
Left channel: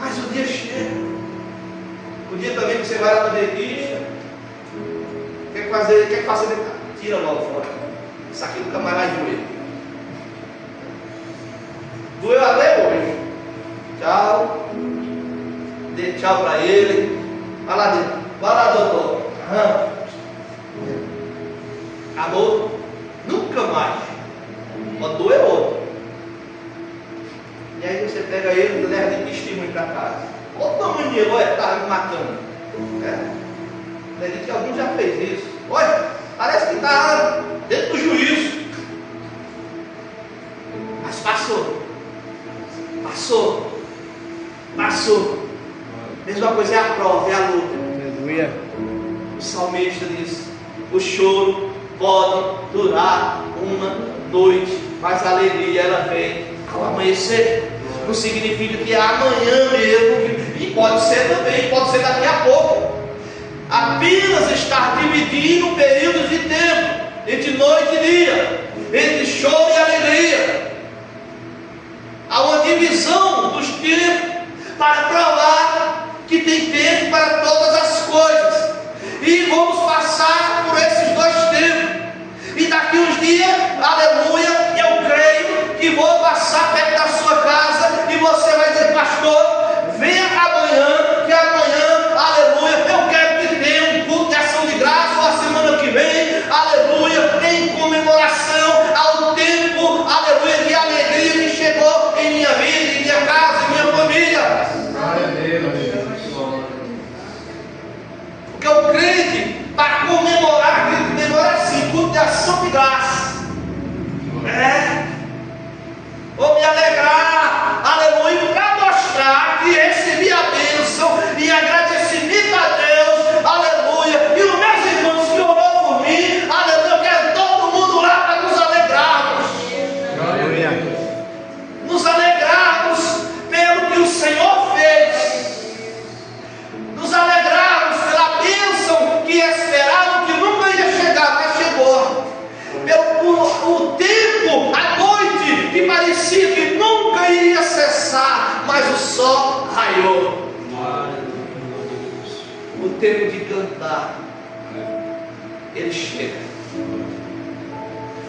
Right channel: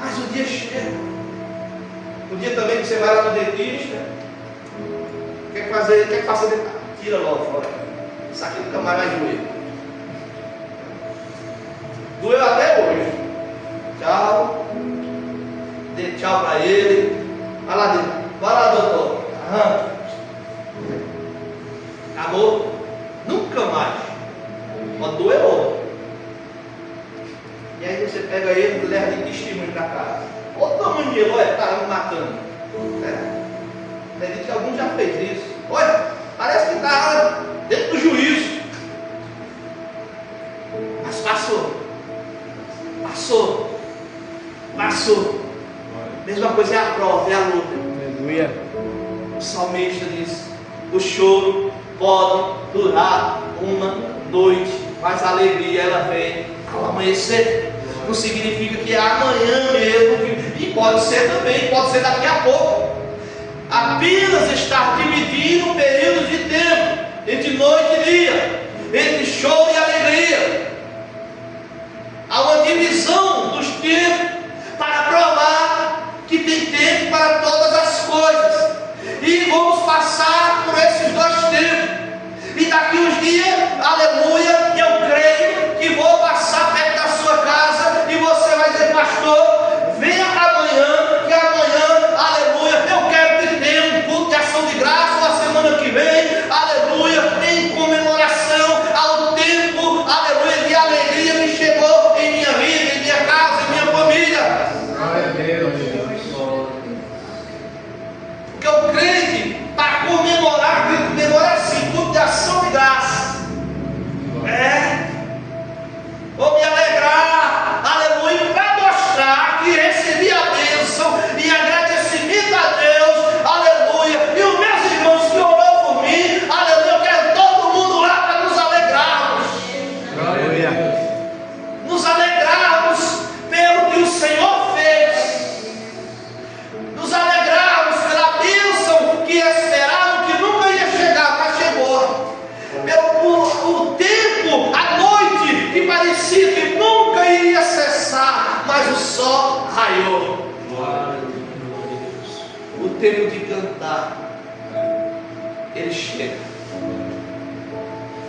mas o dia chega. O dia também que você vai lá no dentista, quer fazer dentada, tira logo fora. Isso aqui nunca mais vai doer. Doeu até hoje. Tchau. Dê tchau para ele. Vai lá, doutor. Acabou. Nunca mais. Quando doer outro. E aí você pega ele e leva de testemunho para casa. Outra menina, olha, está me matando. Acredito que alguns já fez isso. Olha, parece que está dentro do juízo. Mas passou. Mesma coisa é a prova, é a luta. Aleluia. O salmista diz: o choro pode durar uma noite, mas a alegria ela vem ao amanhecer. Não significa que é amanhã mesmo, e pode ser também, pode ser daqui a pouco. Apenas estar dividindo um período de tempo entre noite e dia, entre choro e alegria. Há uma divisão dos tempos para provar que tem tempo para todas as coisas. E vamos passar por esses dois tempos. E daqui uns dias, aleluia, eu creio que vou passar perto da sua casa e você vai dizer: pastor, venha amanhã, que amanhã, aleluia, eu quero que tenha um culto de ação de graça na semana que vem, aleluia, em comemoração ao tempo, aleluia, de alegria que chegou em minha vida, em minha casa, em minha família. Porque o crente, para comemorar, assim, culto de ação de graça. Vou me alegrar, aleluia, para mostrar maior. O tempo de cantar, ele chega.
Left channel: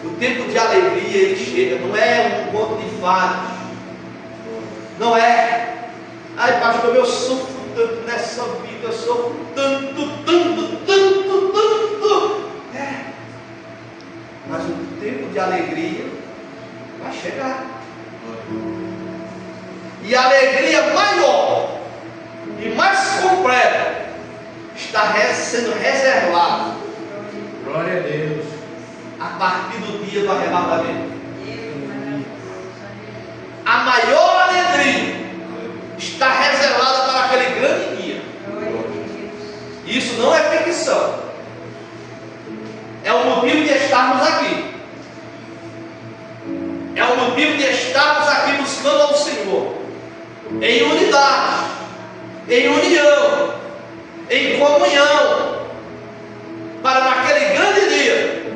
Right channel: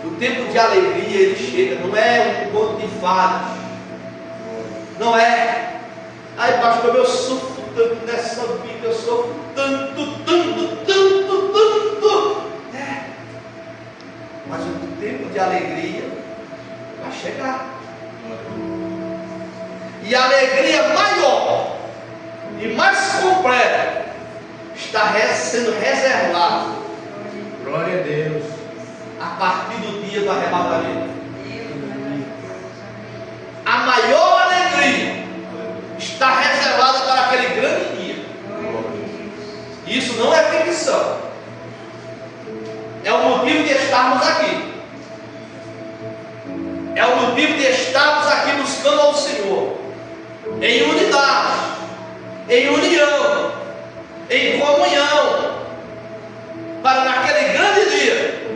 O tempo de alegria, ele chega. Não é um conto de fadas. Não é. Ai, pastor, eu sofro tanto nessa vida, eu sofro tanto. É. Mas o tempo de alegria vai chegar. E a alegria maior e mais completa está sendo reservada. Glória a Deus. A partir do dia do arrebatamento. A maior alegria está reservada para aquele grande dia. Isso não é ficção. É o motivo de estarmos aqui. É o motivo de estarmos aqui buscando ao Senhor. Em unidade. Em união. Em comunhão. Para naquele grande dia,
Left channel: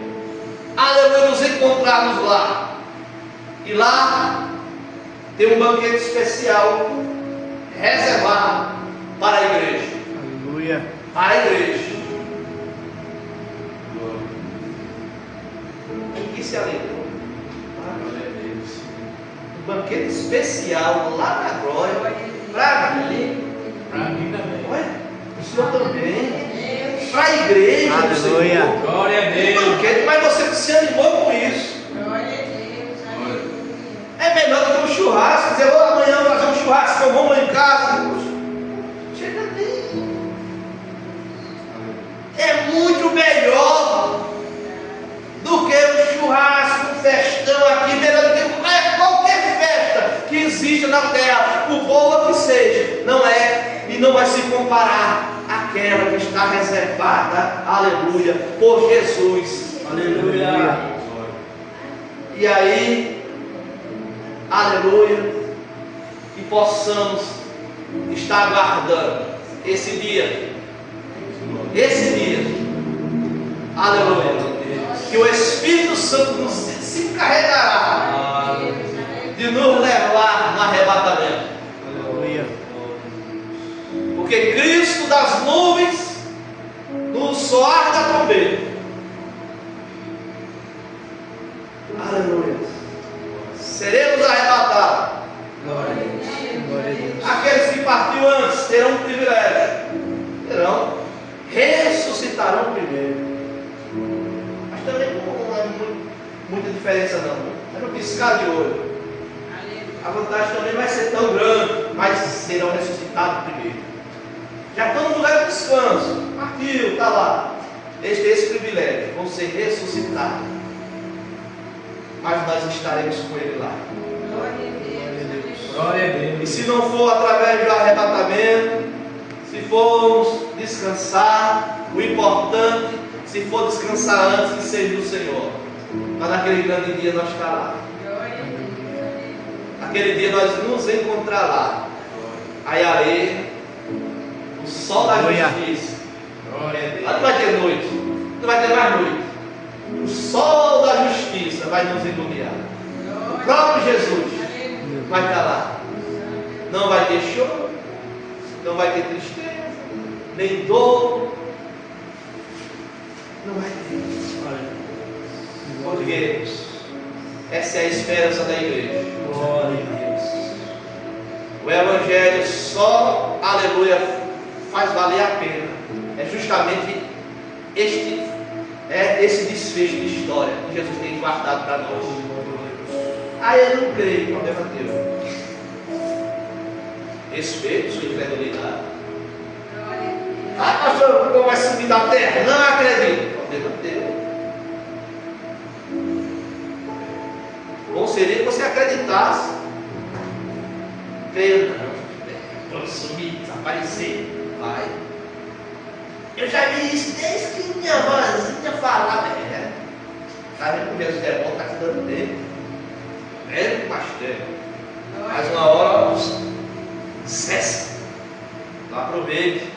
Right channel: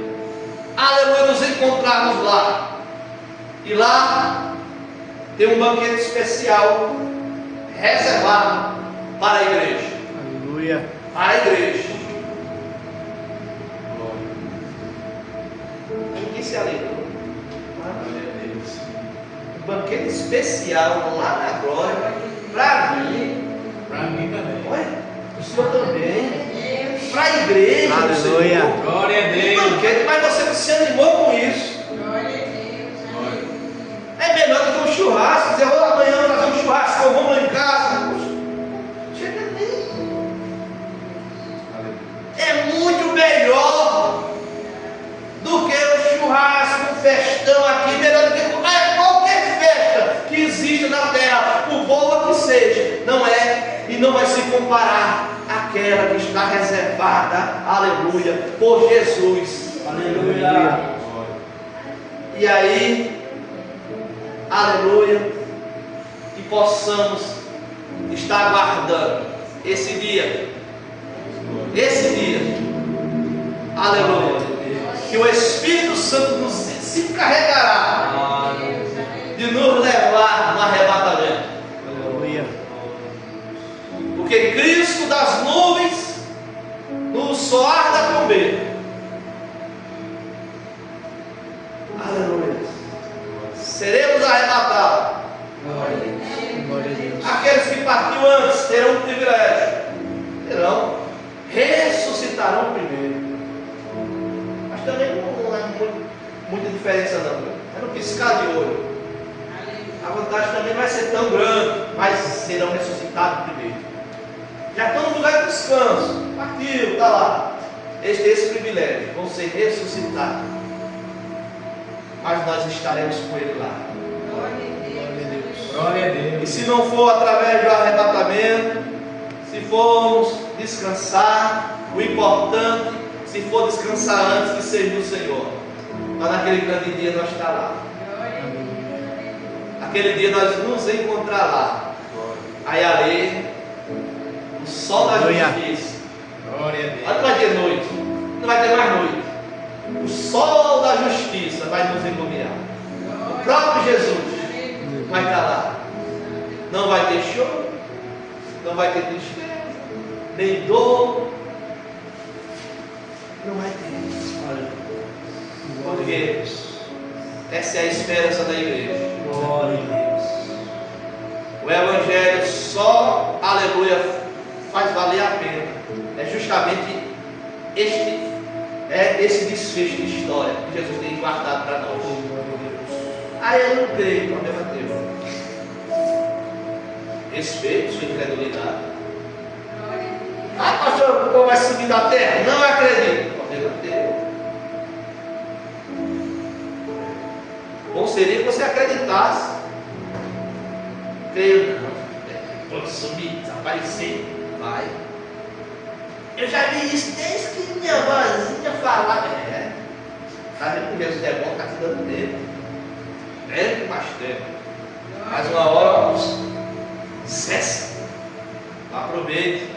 aleluia, nos encontrarmos lá. E lá tem um banquete especial reservado para a igreja. Aleluia. Para a igreja. Ninguém se alegra. Glória a Deus. Um banquete especial lá na glória. Para mim. Para mim também. Olha, o Senhor também. Para a igreja. Aleluia. Glória a Um Deus. banquete, mas você se animou com isso. É melhor do que um churrasco. Dizer, amanhã vamos fazer um churrasco, eu vou lá em casa. Chega nem. É muito melhor do que um churrasco, um festão aqui, melhor do que qualquer festa que exista na terra, por boa que seja. Não é e não vai se comparar àquela que está reservada, aleluia, por Jesus. Aleluia. E aí, aleluia, que possamos estar aguardando esse dia, aleluia, que o Espírito Santo se encarregará de nos levar no arrebatamento. Aleluia. Porque Cristo das nuvens, no soar da trombeta, aleluia, seremos arrebatados. Glória a Deus. Aqueles que partiu antes terão um privilégio, ressuscitarão primeiro. Mas também não é muita diferença não. É no piscar de olho. A vantagem também não vai ser tão grande, mas serão ressuscitados primeiro. Já estão no lugar de descanso. Partiu, está lá. Eles têm esse privilégio, vão ser ressuscitados. Mas nós estaremos com ele lá. Glória a Deus. E se não for através do arrebatamento, se formos descansar, o importante, se for descansar antes de ser do Senhor, mas naquele grande dia nós estará lá. Naquele dia nós nos encontrar lá. Aí ali, o sol da justiça. Glória a Deus. Não vai ter noite, não vai ter mais noite. O sol da justiça vai nos iluminar. O próprio Jesus vai estar lá. Não vai ter choro, não vai ter tristeza, nem dor. Não vai ter. Porque essa é a esperança da igreja. Glória a Deus. O Evangelho só, aleluia, faz valer a pena. É justamente esse desfecho de história que Jesus tem guardado para nós. Eu não creio, problema teu. Respeito sua incredulidade. Pastor, o povo vai subir da terra. Não acredito, problema teu. Bom seria que você acreditasse. Creio não. Quando subir, desaparecer, vai. Eu já vi isso desde que minha avózinha falava. Tá vendo que Deus é bom, tá te dando tempo. Tempo, mais tempo. Mais uma hora, cessa. Aproveite.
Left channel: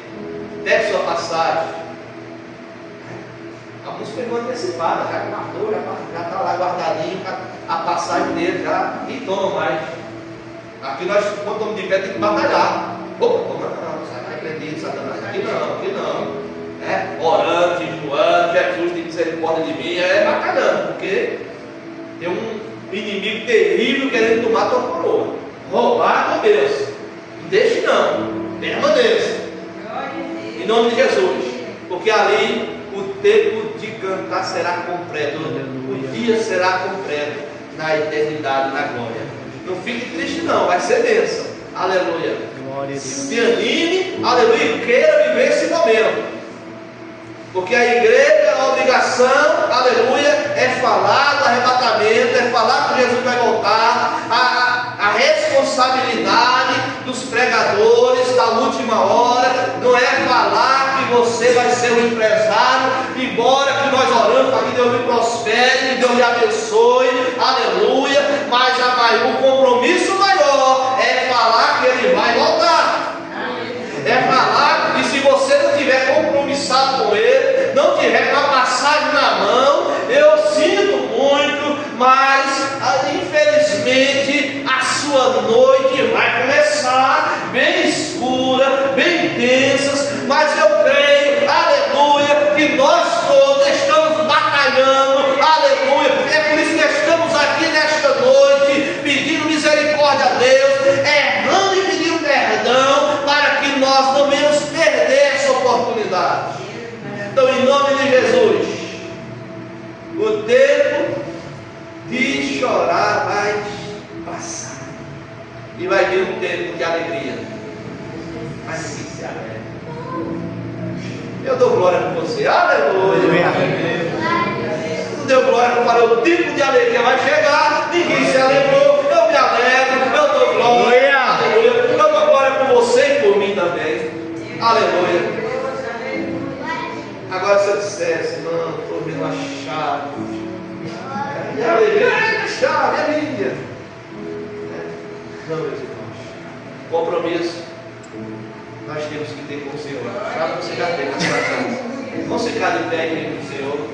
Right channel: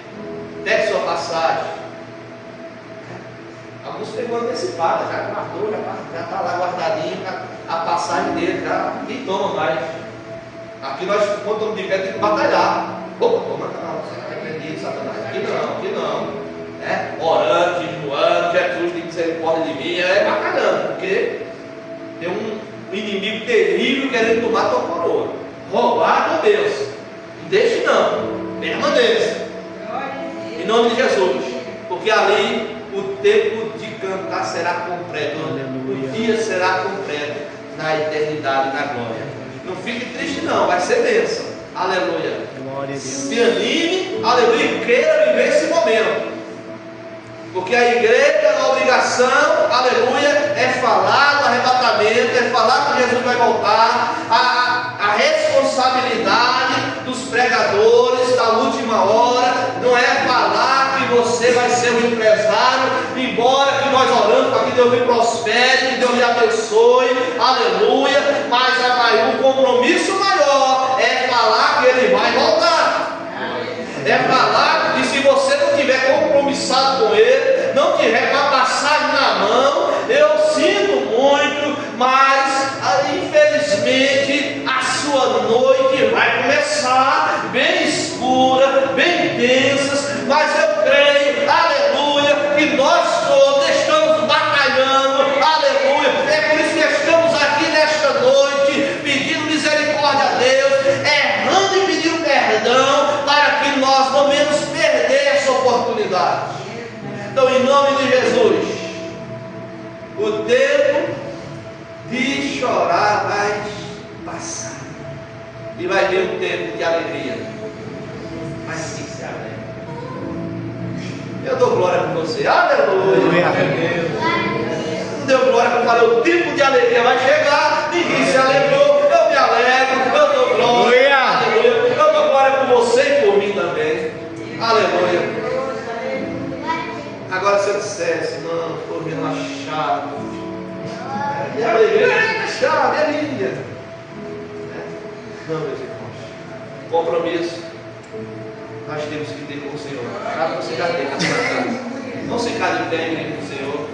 Pegue sua passagem. Alguns pegou antecipada, já guardou, já está lá guardadinho a passagem dele, já nem toma mais. Aqui nós, quando estamos de pé, tem que batalhar. Como não? Sai repreendido, Satanás. Aqui não. Orando, jejuando, Jesus tem misericórdia de mim, bacalhando, porque tem um inimigo terrível querendo tomar tua coroa, roubar a tua bênção. Não deixe não, permaneça, em nome de Jesus, porque ali o tempo de cantar será completo, Aleluia. O dia será completo na eternidade, na glória. Não fique triste não, vai ser bênção, aleluia. Glória a Deus. Se anime, aleluia, e queira viver esse momento. Porque a igreja, a obrigação, aleluia, é falar do arrebatamento, é falar que Jesus vai voltar. A responsabilidade dos pregadores da última hora não é falar que você vai ser um empresário, embora que nós oramos para que Deus me prospere, que Deus me abençoe, aleluia, mas o compromisso maior é falar que Ele vai voltar. É falar que se você não tiver compromissado com Ele, não tiver com a passagem na mão, eu sinto muito, mas infelizmente a sua noite vai começar bem escura, bem densas, mas eu creio, aleluia, que nós todos estamos batalhando, aleluia, é por isso que estamos aqui nesta noite, pedindo misericórdia a Deus, errando e pedindo perdão, para que nós não venhamos perder essa oportunidade. Então, em nome de Jesus, o tempo de chorar vai passar, e vai vir um tempo de alegria. Mas que se alegra. Eu dou glória por você, aleluia. Não deu glória que eu falei, o tempo de alegria vai chegar, ninguém se alegrou, eu me alegro, eu dou glória, aleluia. Eu dou glória por você e por mim também, aleluia. Agora se eu dissesse, irmão, estou vendo a chave, e a alegria, a chave é minha. Não, meus irmãos, compromisso nós temos que ter com o Senhor. Chave você já tem na sua casa. Vamos ficar de pé em nome do Senhor.